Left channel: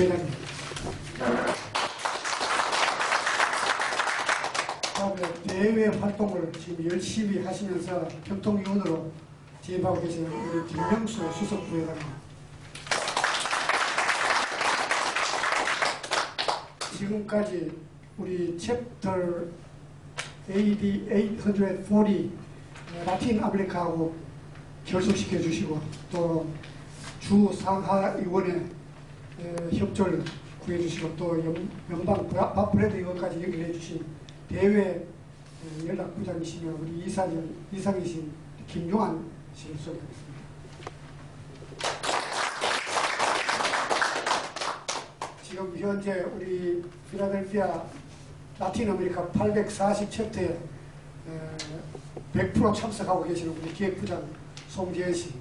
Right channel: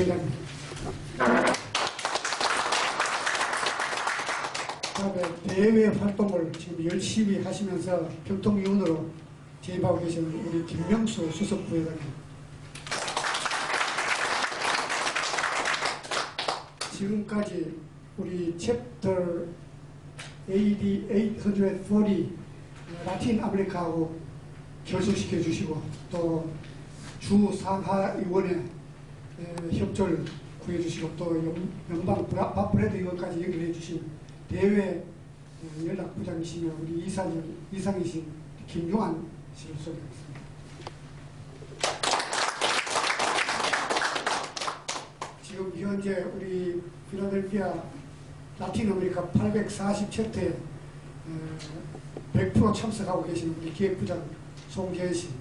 회장님. 대외 활동을 지금 열심히 하시면서 교통위원으로 재임하고 계시는 우리 김명수 수석 부회장님. 지금까지 우리 챕터 AD 840 라틴 아메리카하고 결속시켜 주시고 또 주 상하위원회 협조를 구해 주시고 또 연방 브레드 의원까지 연결해 주신 대외 연락부장이시며 우리 이상이신 김용환 씨를 소개하겠습니다. 지금 현재 우리 필라델피아 라틴 아메리카 840챕터에 100% 참석하고 계시는 우리 기획부장 송재현 씨.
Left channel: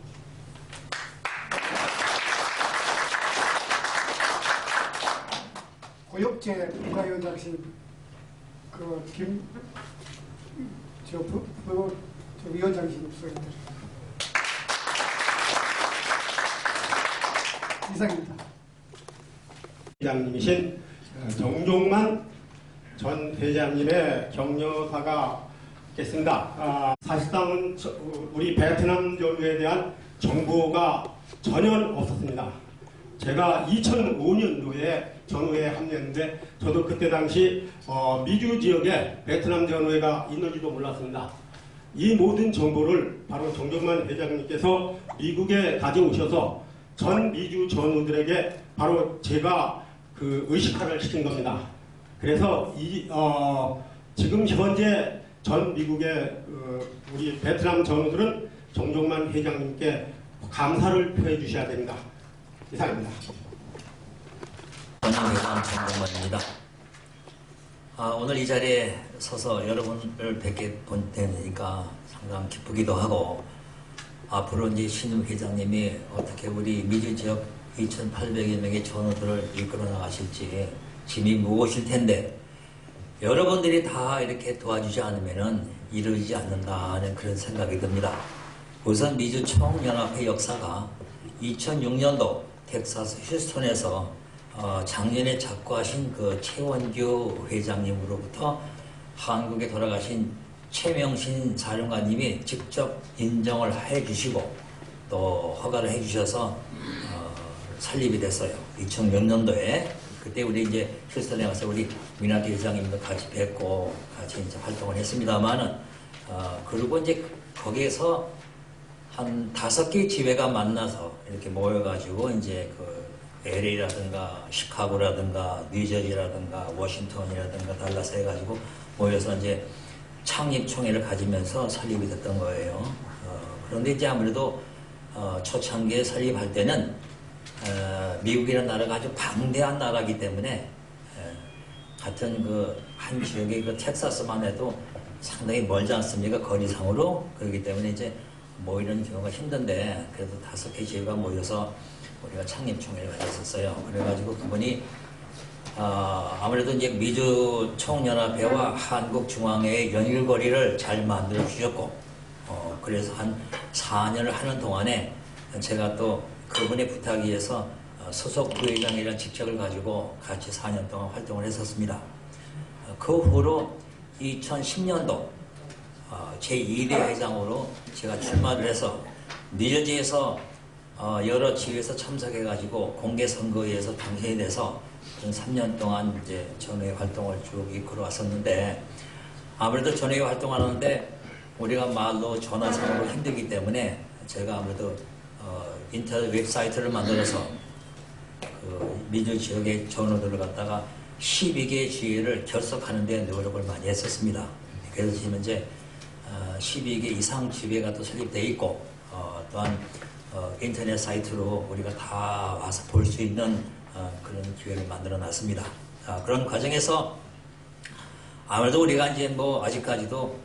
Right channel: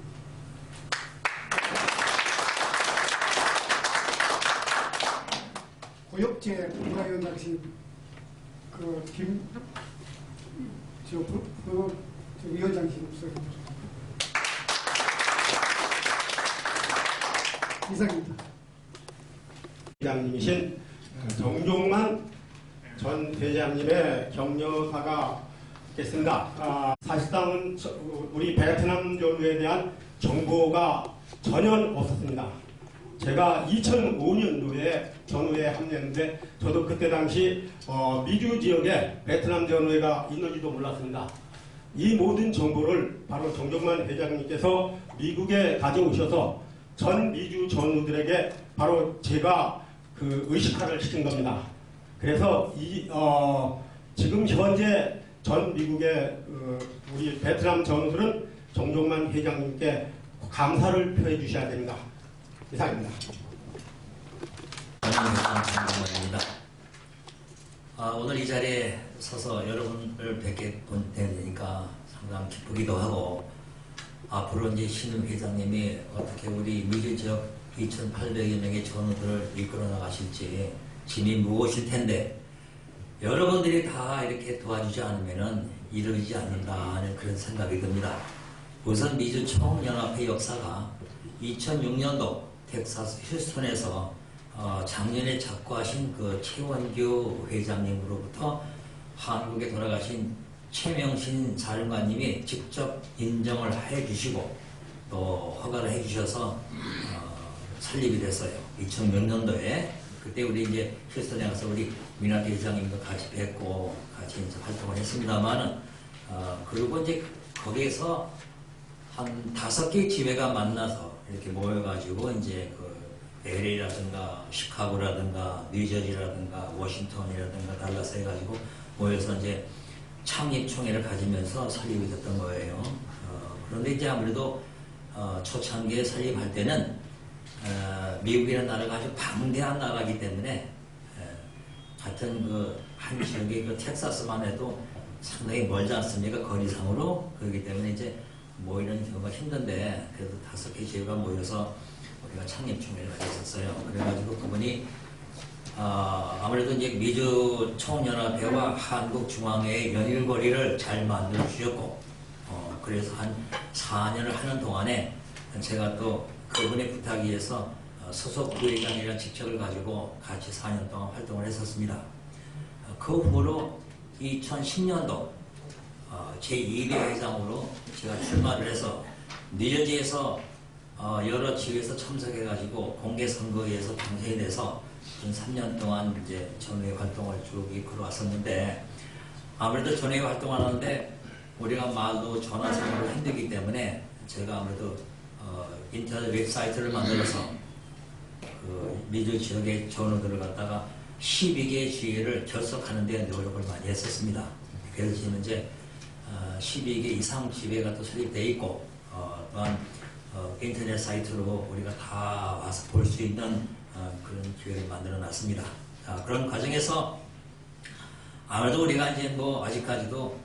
고엽제 국가위원장이신 위원장이신 이상입니다. 회장님이신 정종만 전 회장님의 격려사가 있겠습니다. 사실상은 우리 베트남 전후에 대한 정보가 전혀 없었습니다. 제가 2005년도에 전후회에 합류했는데 저도 그때 당시 미주 지역에 베트남 전후회가 있는지도 몰랐습니다. 이 모든 정보를 바로 정종만 회장님께서 미국에 가져오셔서 전 미주 전우들에게 바로 제가 그 의식화를 시킨 겁니다. 그래서 지금 현재 전 미국의 우리 베트남 전우들은 정종만 회장님께 감사를 표해 주셔야 됩니다. 이상입니다. 전용회장 정종만입니다. 오늘 이 자리에 서서 여러분을 뵙게 되니까 상당히 기쁘기도 하고 앞으로 이제 신임 회장님이 어떻게 우리 미주 지역 2,800여 명의 전우들을 이끌어 나가실지 짐이 무거우실 텐데 여러분들이 다 이렇게 도와주지 않으면은 이루어지지 않는다는 그런 생각이 듭니다. 우선 미주 총연합회 역사가 2006년도 텍사스 휴스턴에서 작년에 작고하신 그 최원규 회장님으로부터 한국에 돌아가신 최명신 사령관님이 직접 인정을 해주시고 또 허가를 해주셔서 설립이 됐어요. 2006년도에 그때 우리 이제 휴스턴에 가서 우리 민하태 회장님도 같이 뵙고 같이 이제 활동을 했습니다만은 그리고 이제 거기에서 한 5개 지회가 만나서 이렇게 모여가지고 이제 그 LA라든가 시카고라든가 뉴저지라든가 워싱턴이라든가 달라스 해가지고 모여서 이제 창립총회를 가지면서 설립이 됐던 거예요. 그런데 이제 아무래도 초창기에 설립할 때는 미국이라는 나라가 아주 방대한 나라이기 때문에 같은 그 한 지역의 그 텍사스만 해도 상당히 멀지 않습니까? 거리상으로. 그렇기 때문에 이제 모이는 경우가 힘든데 그래도 5개 지역가 모여서 우리가 창립총회를 가졌었어요. 그래가지고 그분이 아무래도 이제 미주 총연합회와 한국중앙회의 연일거리를 잘 만들어 주셨고 그래서 한 4년을 하는 동안에 제가 또 그분의 부탁에 의해서 소속 부회장이라는 직책을 가지고 같이 4년 동안 활동을 했었습니다. 그 후로 2010년도 제2대 회장으로 제가 출마를 해서 뉴저지에서 여러 지역에서 참석해가지고 공개선거에서 당선이 돼서 3년 동안 이제 전회 활동을 쭉 이끌어 왔었는데 아무래도 전회 활동하는데 우리가 말로 전화상으로 힘들기 때문에 제가 아무래도 인터넷 웹사이트를 만들어서 그 미주 지역의 전우들을 갖다가 12개 지회를 결속하는 데 노력을 많이 했었습니다. 그래서 지금 현재 12개 이상 지회가 또 설립되어 있고 또한 인터넷 사이트로 우리가 다 와서 볼 수 있는 그런 기회를 만들어 놨습니다. 그런 과정에서 아무래도 우리가 이제 뭐 아직까지도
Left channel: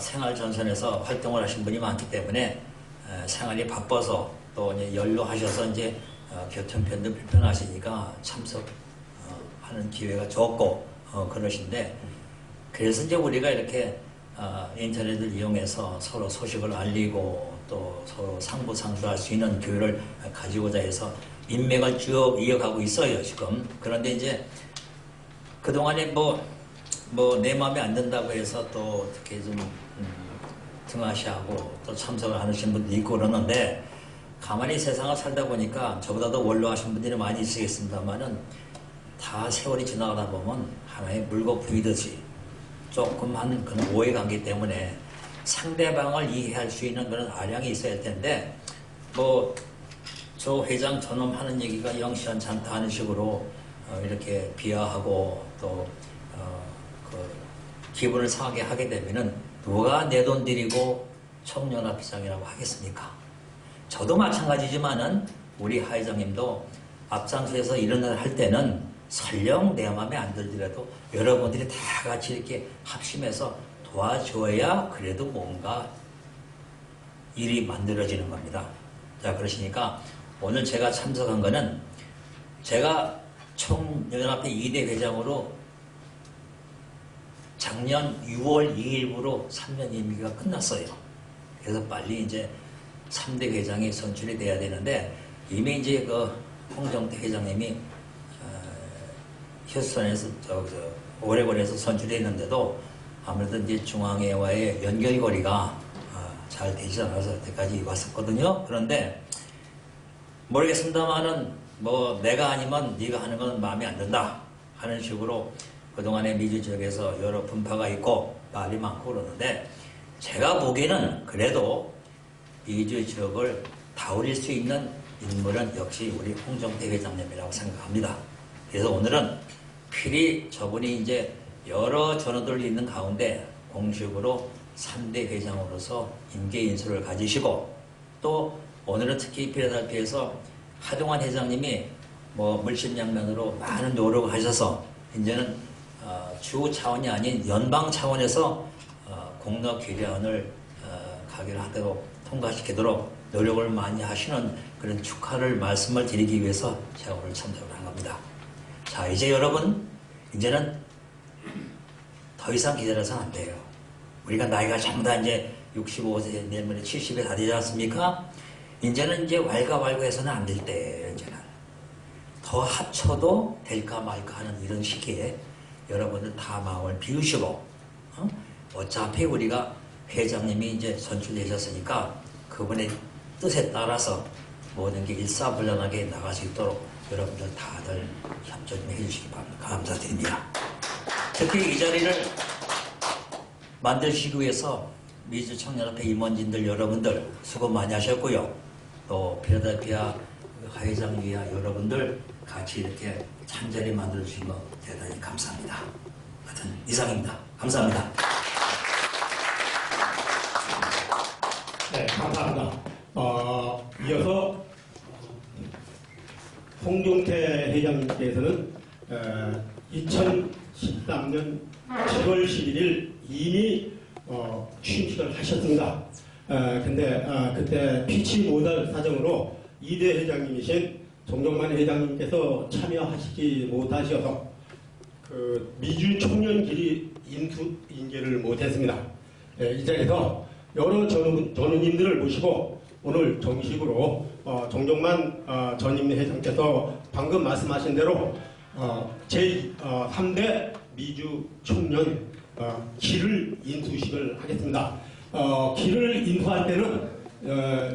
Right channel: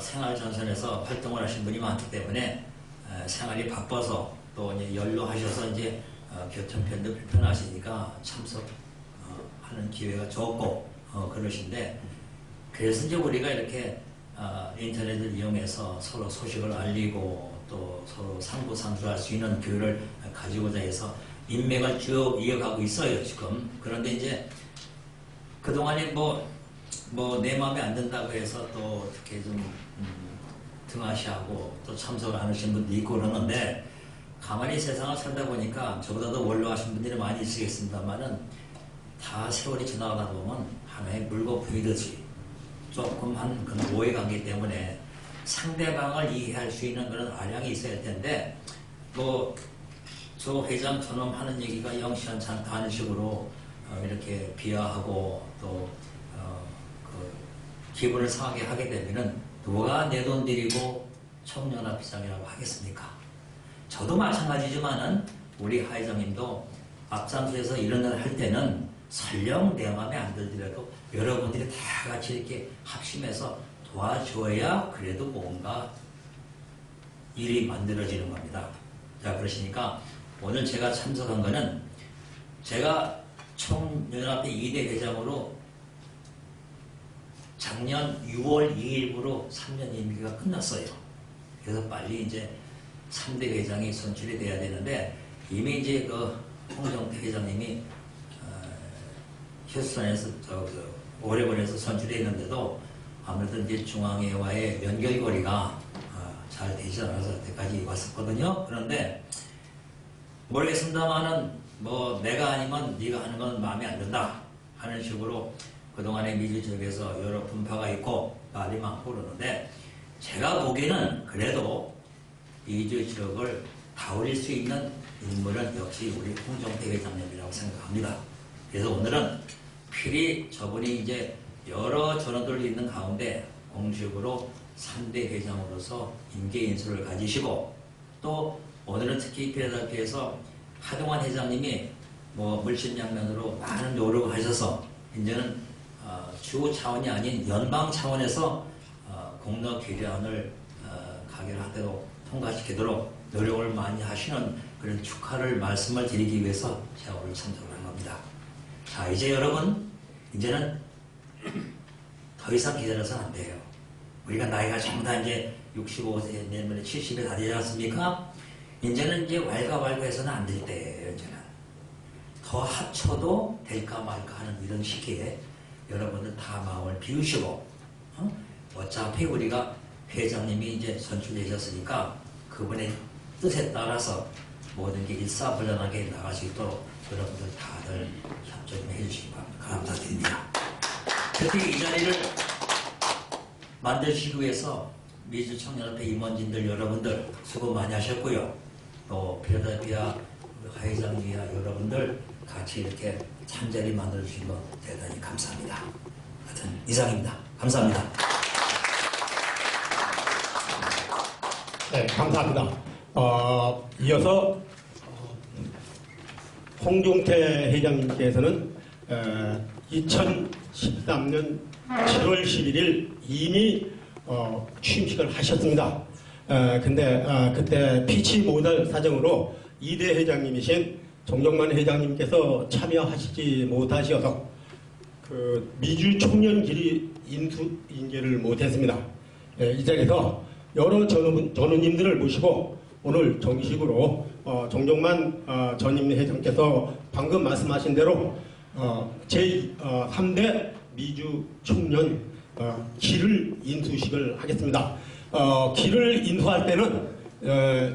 생활 전선에서 활동을 하신 분이 많기 때문에 생활이 바빠서 또 이제 연로하셔서 이제 교통편도 불편하시니까 참석하는 기회가 적고 그러신데 그래서 이제 우리가 이렇게 인터넷을 이용해서 서로 소식을 알리고 또 서로 상부상조할 수 있는 기회를 가지고자 해서 인맥을 쭉 이어가고 있어요, 지금. 그런데 이제 그동안에 뭐 내 마음에 안 든다고 해서 또 어떻게 좀 등하시하고 또 참석을 하시는 분도 있고 그러는데, 가만히 세상을 살다 보니까 저보다도 원로하신 분들이 많이 있으겠습니다만은 다 세월이 지나가다 보면 하나의 물거품이듯이 조금 한 그런 오해관계 때문에 상대방을 이해할 수 있는 그런 아량이 있어야 할 텐데, 뭐 저 회장 저놈 하는 얘기가 영시원치 않다 하는 식으로 이렇게 비하하고 또 기분을 상하게 하게 되면은 누가 내 돈 들이고 청년합회장이라고 하겠습니까? 저도 마찬가지지만은 우리 하 회장님도 앞장서서 이런 일 할 때는 설령 내 마음에 안 들더라도 여러분들이 다 같이 이렇게 합심해서 도와줘야 그래도 뭔가 일이 만들어지는 겁니다. 자, 그러시니까 오늘 제가 참석한 거는, 제가 총연합회 2대 회장으로 작년 6월 2일부로 3년 임기가 끝났어요. 그래서 빨리 이제 3대 회장이 선출이 돼야 되는데, 이미 이제 그 홍정태 회장님이 휴스턴에서 오레곤에서 선출되어 있는데도 아무래도 이제 중앙회와의 연결고리가 잘 되지 않아서 여태까지 왔었거든요. 그런데 모르겠습니다만은 뭐 내가 아니면 네가 하는 건 마음에 안 든다 하는 식으로 그동안에 미주 지역에서 여러 분파가 있고 말이 많고 그러는데, 제가 보기에는 그래도 미주 지역을 다스릴 수 있는 인물은 역시 우리 홍정태 회장님이라고 생각합니다. 그래서 오늘은 필히 저분이 이제 여러 전원들이 있는 가운데 공식으로 3대 회장으로서 임계 인수를 가지시고, 또 오늘은 특히 필라델피아에서 하동환 회장님이 뭐 물심양면으로 많은 노력을 하셔서 이제는 주 차원이 아닌 연방 차원에서 공로 개량을 가결하도록 통과시키도록 노력을 많이 하시는 그런 축하를 말씀을 드리기 위해서 제가 오늘 참석을 한 겁니다. 자, 이제 여러분, 이제는 더 이상 기다려서는 안 돼요. 우리가 나이가 전부 다 이제 65세, 내년에 70에 다 되지 않습니까? 이제는 이제 왈가왈부해서는 안 될 때예요. 이제는 더 합쳐도 될까 말까 하는 이런 시기에 여러분들 다 마음을 비우시고, 어차피 우리가 회장님이 이제 선출되셨으니까 그분의 뜻에 따라서 모든 게 일사불란하게 나갈 수 있도록 여러분들 다들 협조 좀 해주시기 바랍니다. 감사드립니다. 특히 이 자리를 만드시기 위해서 미주청년협회 임원진들 여러분들 수고 많이 하셨고요. 또 필라델피아 회장위와 여러분들 같이 이렇게 참자리 만들어주신 거 대단히 감사합니다. 하여튼 이상입니다. 감사합니다. 네, 감사합니다. 이어서 홍종태 회장님께서는 2013년 7월 11일 이미 취임식을 하셨습니다. 근데 그때 피치 못할 사정으로 2대 회장님이신 정종만 회장님께서 참여하시지 못하셔서 그 미주 청년길이 인계를 못했습니다. 이 자리에서 여러 전우님들을 모시고 오늘 정식으로 정종만 전임 회장께서 방금 말씀하신 대로 제3대 미주 청년 길을 인수식을 하겠습니다. 길을 인수할 때는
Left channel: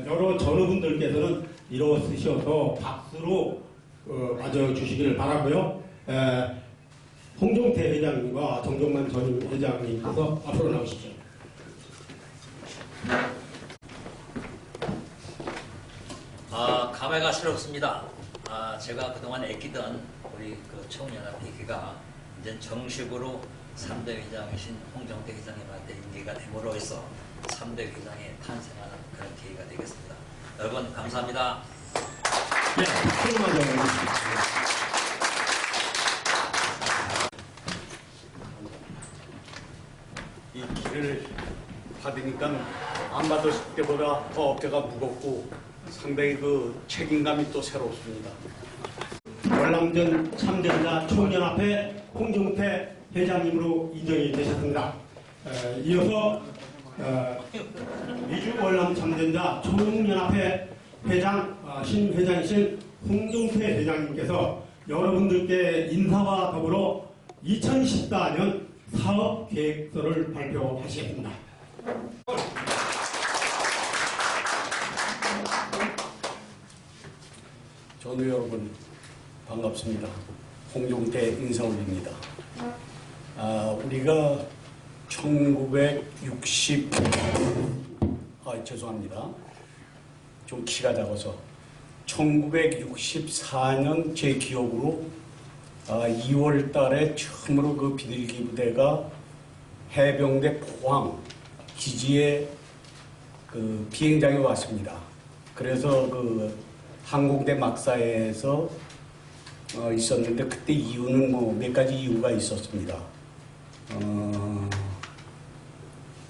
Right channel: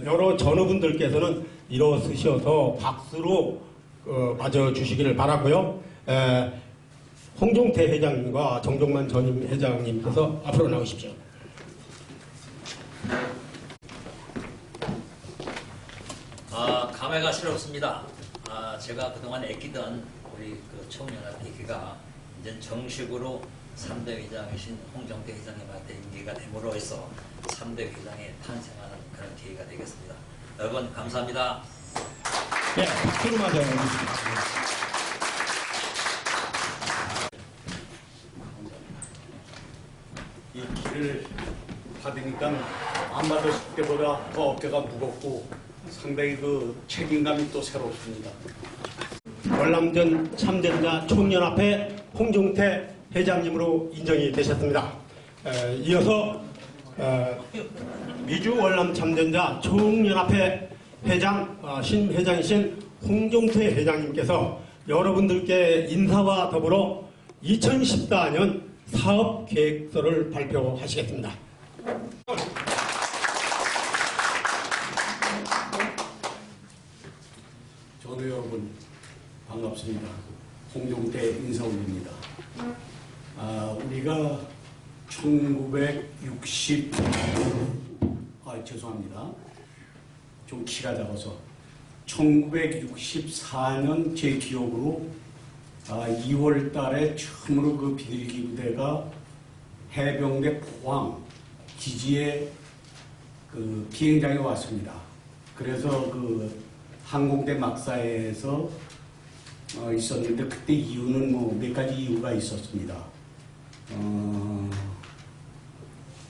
여러 전우분들께서는 일어서셔서 박수로 맞아주시기를 바라고요. 홍종태 회장님과 정종만 전임 회장님께서 앞으로 나오십시오. 감회가 새롭습니다. 제가 그동안 애끼던 우리 그 청년협회가 이제 정식으로 3대 회장이신 홍정태 회장님한테 임기가 됨으로 해서 3대 회장이 탄생하는 그런 계기가 되겠습니다. 여러분 감사합니다. 네, 박수로 맞아주십시오. 이 길을 받으니까 안 받았을 때보다 더 어깨가 무겁고 상당히 그 책임감이 또 새롭습니다. 월남전 참전자 총연합회 홍종태 회장님으로 인정이 되셨습니다. 이어서 미주 월남 참전자 총연합회 회장 신회장이신 홍종태 회장님께서 여러분들께 인사와 더불어 2014년 사업 계획서를 발표하시겠습니다. 전우 여러분 반갑습니다. 홍종태 인사 올립니다. 우리가 죄송합니다. 좀 키가 작아서 1964년 제 기억으로 2월 달에 처음으로 그 비둘기 부대가 해병대 포항 기지에 그 비행장에 왔습니다. 그래서 그 항공대 막사에서 있었는데 그때 이유는 뭐 몇 가지 이유가 있었습니다.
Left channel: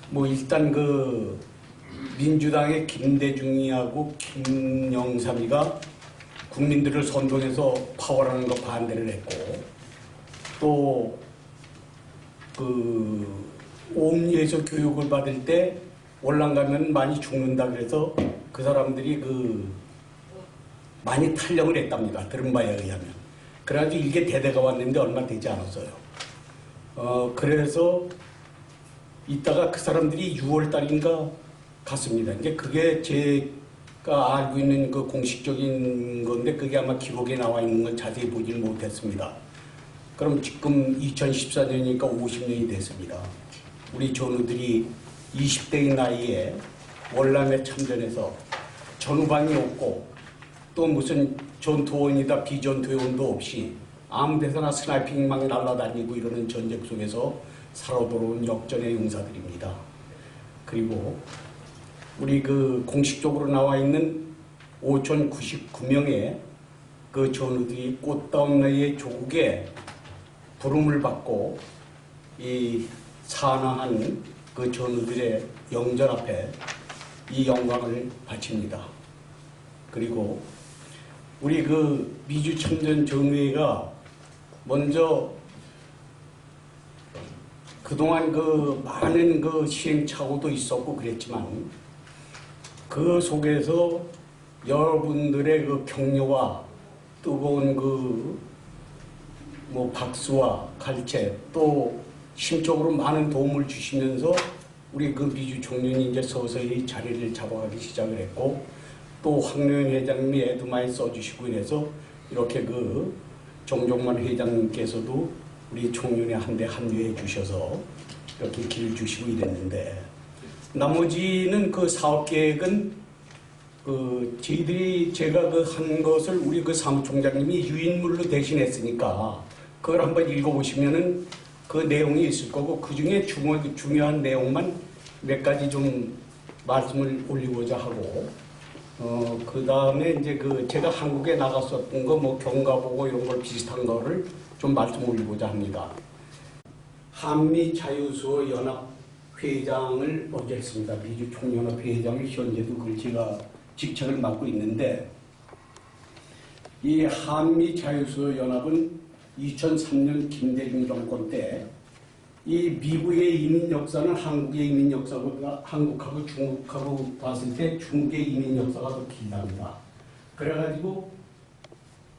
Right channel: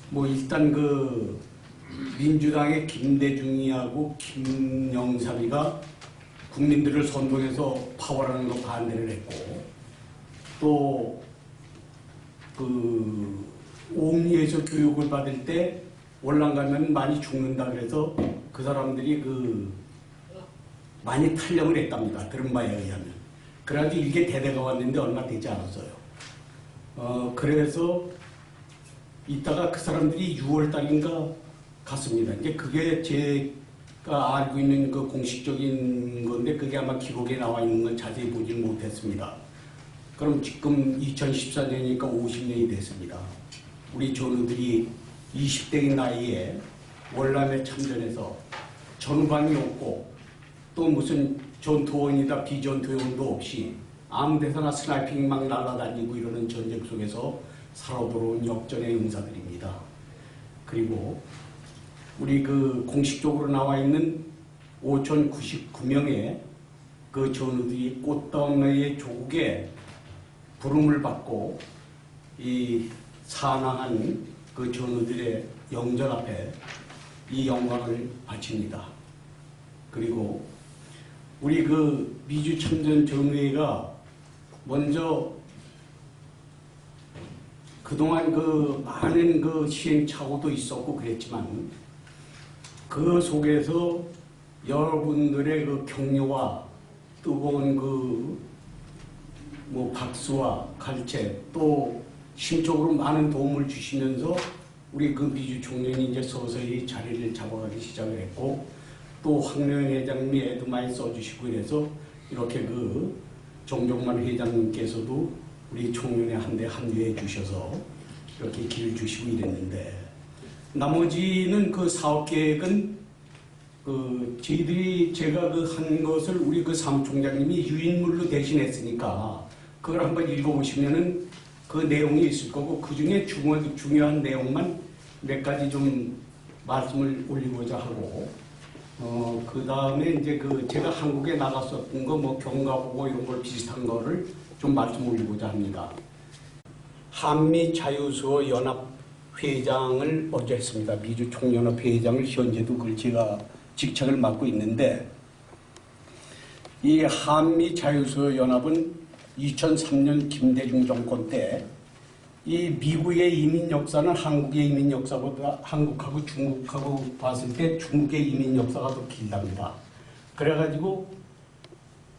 뭐 일단 그 민주당의 김대중이하고 김영삼이가 국민들을 선동해서 파월하는 거 반대를 했고, 또 그 옥리에서 교육을 받을 때 월남 가면 많이 죽는다 그래서 그 사람들이 그 많이 탈령을 했답니다. 들은 바에 의하면. 그래가지고 이게 대대가 왔는데 얼마 되지 않았어요. 그래서 이따가 그 사람들이 6월 달인가 갔습니다. 그게 제가 알고 있는 그 공식적인 건데 그게 아마 기록에 나와 있는 건 자세히 보지는 못했습니다. 그럼 지금 2014년이니까 50년이 됐습니다. 우리 전우들이 20대의 나이에 월남에 참전해서 전후반이 없고 또 무슨 전투원이다 비전투원도 없이 아무 데서나 스나이핑 막 날아다니고 이러는 전쟁 속에서 살아 돌아온 역전의 용사들입니다. 그리고 우리 그 공식적으로 나와 있는 5,099명의 그 전우들이 꽃다운 나이의 조국에 부름을 받고 이 산화한 그 전우들의 영전 앞에 이 영광을 바칩니다. 그리고 우리 그 미주 참전 전우회가 먼저 그동안 그 많은 그 시행착오도 있었고 그랬지만 그 속에서 여러분들의 그 격려와 뜨거운 그 뭐 박수와 갈채 또 심적으로 많은 도움을 주시면서 우리 그 미주 총련이 이제 서서히 자리를 잡아가기 시작을 했고 또 황교안 회장님이 애도 많이 써주시고 이래서 이렇게 그 정종만 회장님께서도 우리 총련에 한데 합류해 주셔서 이렇게 길을 주시고 이랬는데 나머지는 그 사업 계획은 그 저희들이 제가 그 한 것을 우리 그 사무총장님이 유인물로 대신했으니까 그걸 한번 읽어보시면은 그 내용이 있을 거고 그 중에 중요한 내용만 몇 가지 좀 말씀을 올리고자 하고 그 다음에 이제 그 제가 한국에 나갔었던 거 뭐 경과보고 이런 걸 비슷한 거를 좀 말씀 올리고자 합니다. 한미 자유수호 연합 회장을 먼저 했습니다. 미주 총연합 회장을 현재도 그걸 제가 직책을 맡고 있는데 이 한미 자유수호 연합은 2003년 김대중 정권 때 이 미국의 이민 역사는 한국의 이민 역사보다 한국하고 중국하고 봤을 때 중국의 이민 역사가 더 길답니다. 그래가지고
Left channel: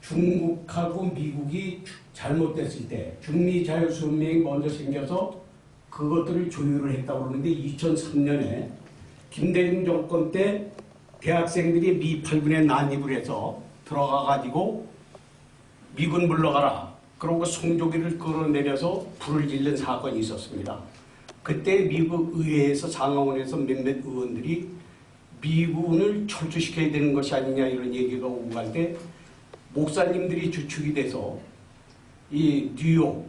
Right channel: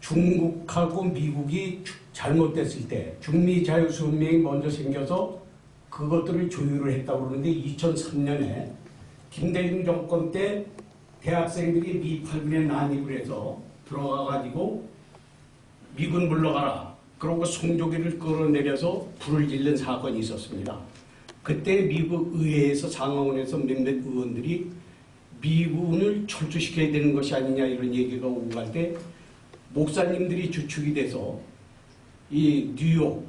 중국하고 미국이 잘못됐을 때 중미 자유수호연맹이 먼저 생겨서 그것들을 조율을 했다고 그러는데 2003년에 김대중 정권 때 대학생들이 미 8군에 난입을 해서 들어가가지고 미군 물러가라. 그러고 송조기를 끌어내려서 불을 질른 사건이 있었습니다. 그때 미국 의회에서 상하원에서 몇몇 의원들이 미군을 철수시켜야 되는 것이 아니냐 이런 얘기가 오고 갈 때 목사님들이 주축이 돼서 이 뉴욕,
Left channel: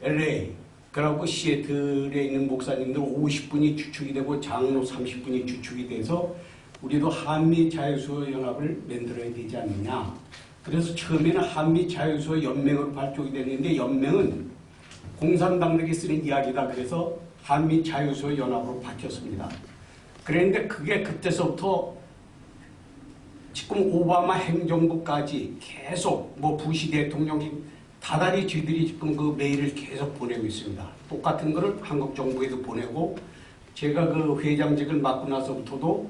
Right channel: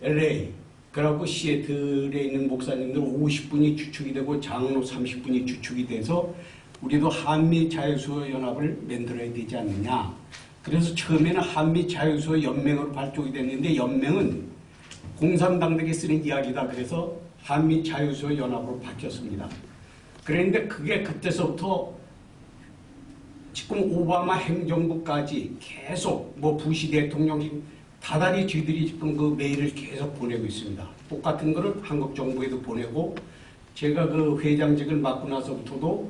LA, 그리고 시애틀에 있는 목사님들 50분이 주축이 되고 장로 30분이 주축이 돼서 우리도 한미 자유수호 연합을 만들어야 되지 않느냐. 그래서 처음에는 한미 자유수호 연맹으로 발족이 됐는데 연맹은 공산당들이 쓰는 이야기다. 그래서 한미 자유수호 연합으로 바뀌었습니다. 그런데 그게 그때서부터 지금 오바마 행정부까지 계속 뭐 부시 대통령이 다달이 쥐들이 지금 그 메일을 계속 보내고 있습니다. 똑같은 거를 한국 정부에도 보내고 제가 그 회장직을 맡고 나서부터도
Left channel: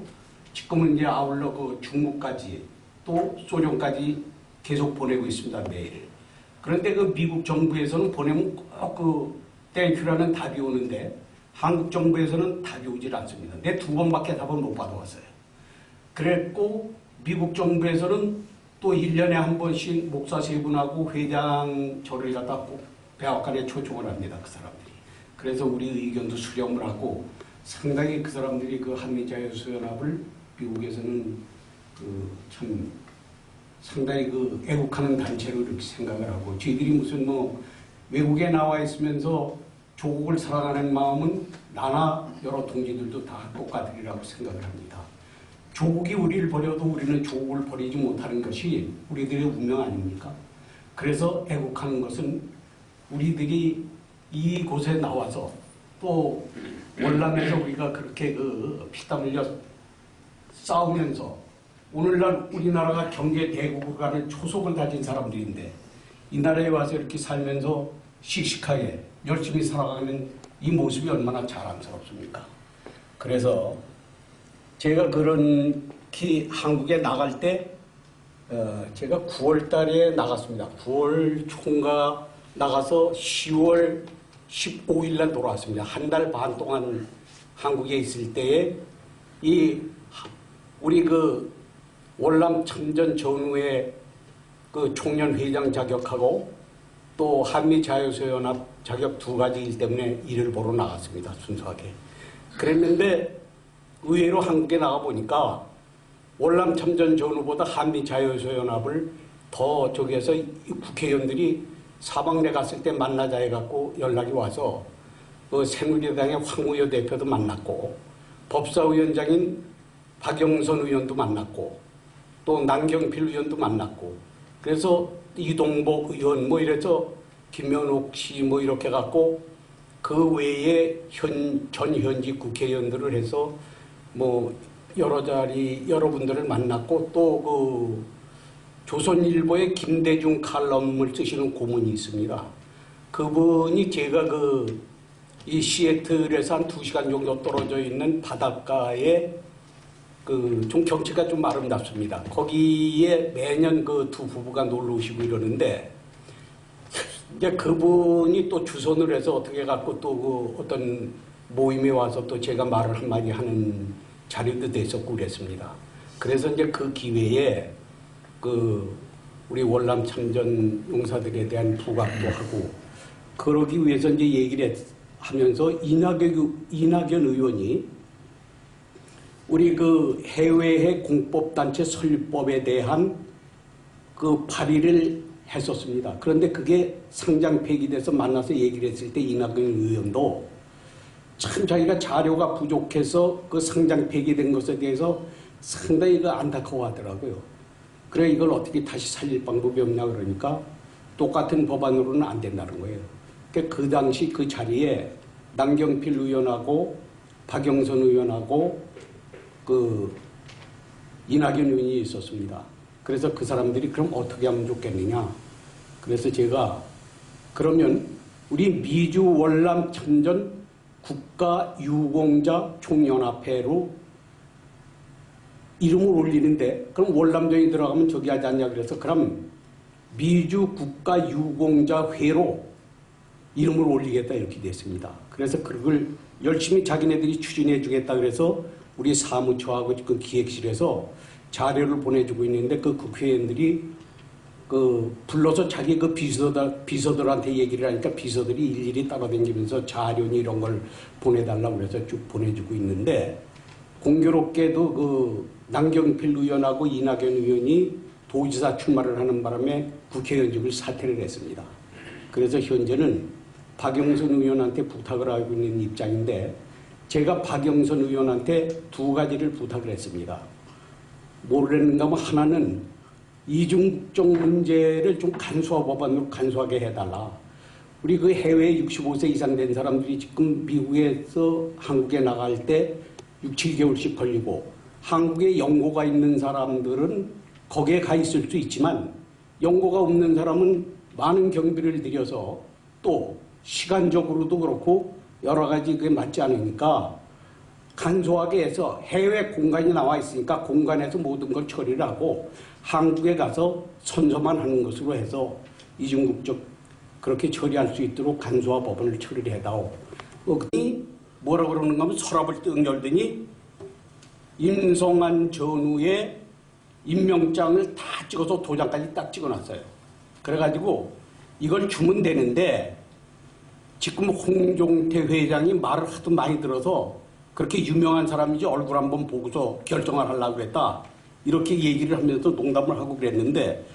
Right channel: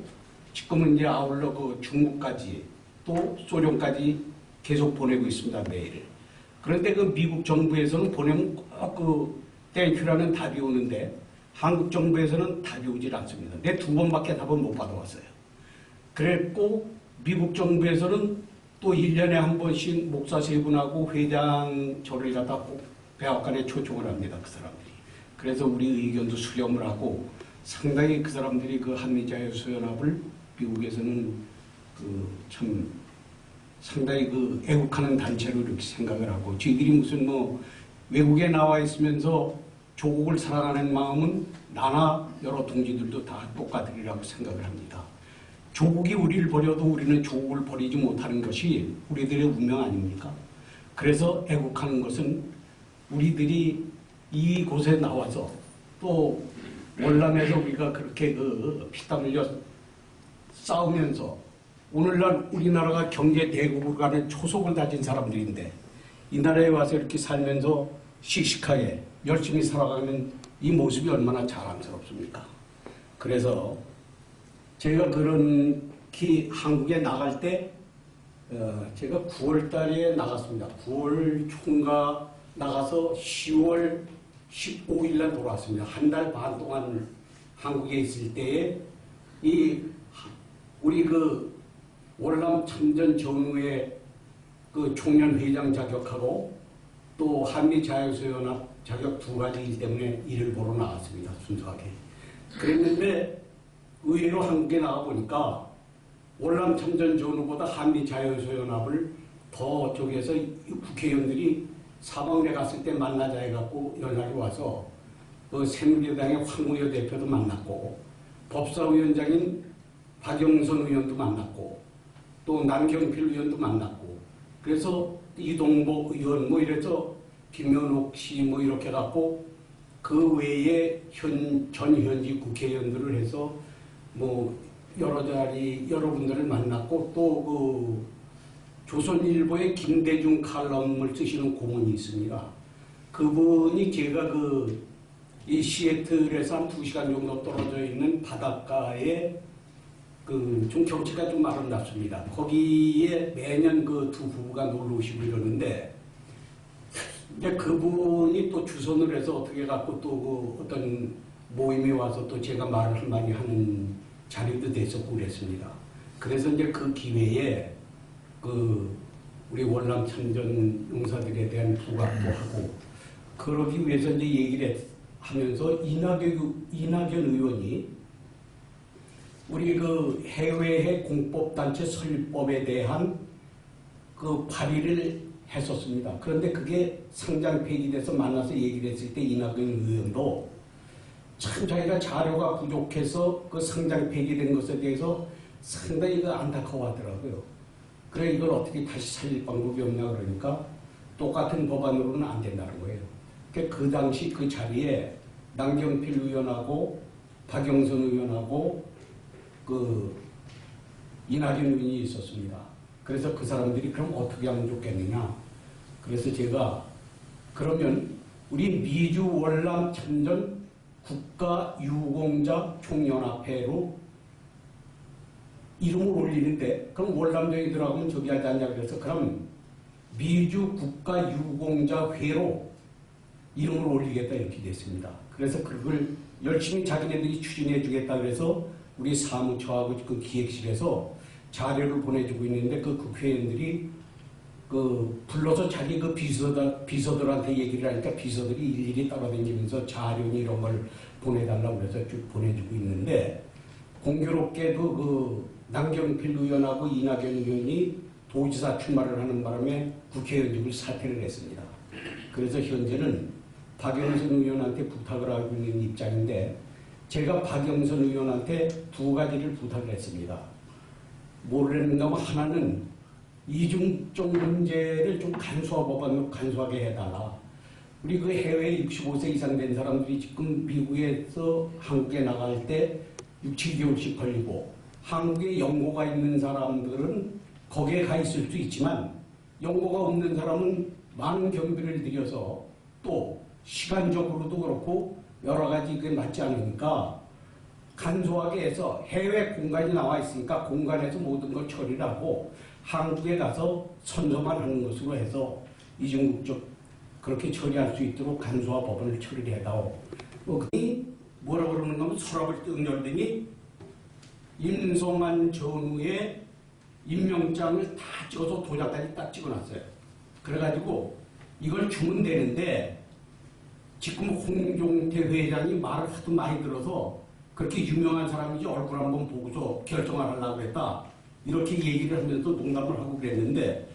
지금은 이제 아울러 그 중국까지 또 소련까지 계속 보내고 있습니다. 매일. 그런데 그 미국 정부에서는 보내면 꼭 땡큐라는 답이 오는데 한국 정부에서는 답이 오질 않습니다. 내 2번밖에 답을 못 받아왔어요. 그랬고 미국 정부에서는 또 1년에 한 번씩 목사 3분하고 회장 저를 갖다 꼭 백악관에 초청을 합니다. 그 사람들이. 그래서 우리 의견도 수렴을 하고 상당히 그 사람들이 그 한미자유수연합을 미국에서는 참 상당히 애국하는 단체로 이렇게 생각을 하고 저희들이 무슨 외국에 나와 있으면서 조국을 사랑하는 마음은 나나 여러 동지들도 다 똑같으리라고 생각을 합니다. 조국이 우리를 버려도 우리는 조국을 버리지 못하는 것이 우리들의 운명 아닙니까? 그래서 애국하는 것은 우리들이 이곳에 나와서 또 월남에서 우리가 그렇게 피땀 흘려 싸우면서 오늘날 우리나라가 경제 대국으로 가는 초석을 다진 사람들인데 이 나라에 와서 이렇게 살면서 씩씩하게 열심히 살아가는 이 모습이 얼마나 자랑스럽습니까? 그래서 제가 그런 한국에 나갈 때 제가 9월 달에 나갔습니다. 9월 총각 나가서 10월 15일 날 돌아왔습니다. 한 달 반 동안 한국에 있을 때에 우리 월남 참전 전후에 총련 회장 자격하고 또 한미자유수연합 자격 2가지이기 때문에 일을 보러 나갔습니다. 순수하게. 그랬는데 의외로 한국에 나가보니까 월남 참전 전후보다 한미자유수연합을 더 저기에서 국회의원들이 사방내 갔을 때 만나자 해갖고 연락이 와서 새누리당의 황우여 대표도 만났고 법사위원장인 박영선 의원도 만났고 또 남경필 의원도 만났고 그래서 이동복 의원 이래서 김현옥 씨 이렇게 갖고 그 외에 전현직 국회의원들을 해서 여러 분들을 만났고 또 조선일보의 김대중 칼럼을 쓰시는 고문이 있습니다. 그분이 제가 이 시애틀에서 한 2시간 정도 떨어져 있는 바닷가에 좀 경치가 좀 아름답습니다. 거기에 매년 두 부부가 놀러 오시고 이러는데 이제 그분이 또 주선을 해서 어떻게 갖고 또 어떤 모임에 와서 또 제가 말을 한마디 하는 자리도 됐었고 그랬습니다. 그래서 이제 그 기회에 우리 월남 참전 용사들에 대한 부각도 하고 그러기 위해서 이제 얘기를 하면서 이낙연 의원이 우리 해외의 공법단체 설립법에 대한 발의를 했었습니다. 그런데 그게 상장 폐기돼서 만나서 얘기를 했을 때 이낙연 의원도 참 자기가 자료가 부족해서 상장 폐기된 것에 대해서 상당히 안타까워하더라고요. 그래 이걸 어떻게 다시 살릴 방법이 없냐 그러니까 똑같은 법안으로는 안 된다는 거예요. 그러니까 그 당시 그 자리에 남경필 의원하고 박영선 의원하고 이낙연 의원이 있었습니다. 그래서 그 사람들이 그럼 어떻게 하면 좋겠느냐. 그래서 제가 그러면 우리 미주 월남 참전 국가유공자 총연합회로 이름을 올리는데 그럼 월남전이 들어가면 저기 하지 않냐 그래서 그럼 미주 국가유공자회로 이름을 올리겠다 이렇게 됐습니다. 그래서 그걸 열심히 자기네들이 추진해 주겠다 그래서 우리 사무처하고 기획실에서 자료를 보내주고 있는데 국회의원들이 불러서 자기 비서들한테 얘기를 하니까 비서들이 일일이 따라다니면서 자료니 이런 걸 보내달라고 그래서 쭉 보내주고 있는데 공교롭게도 남경필 의원하고 이낙연 의원이 도지사 출마를 하는 바람에 국회의원직을 사퇴를 했습니다. 그래서 현재는 박영선 의원한테 부탁을 하고 있는 입장인데 제가 박영선 의원한테 2가지를 부탁을 했습니다. 뭐랬는가 하면 하나는 이중적 문제를 좀 법안으로 간소하게 해달라. 우리 해외에 65세 이상 된 사람들이 지금 미국에서 한국에 나갈 때 6, 7개월씩 걸리고 한국에 연고가 있는 사람들은 거기에 가 있을 수 있지만 연고가 없는 사람은 많은 경비를 들여서 또 시간적으로도 그렇고 여러 가지 그게 맞지 않으니까 간소하게 해서 해외 공간이 나와 있으니까 공간에서 모든 걸 처리를 하고 한국에 가서 선서만 하는 것으로 해서 이중국적 그렇게 처리할 수 있도록 간소화 법원을 처리를 해다오. 그니 뭐라 그러는가 하면 서랍을 뜩 열더니 임성한 전후의 임명장을 다 찍어서 도장까지 딱 찍어놨어요. 그래가지고 이걸 주면 되는데 지금 홍종태 회장이 말을 하도 많이 들어서 그렇게 유명한 사람인지 얼굴 한번 보고서 결정을 하려고 했다. 이렇게 얘기를 하면서 농담을 하고 그랬는데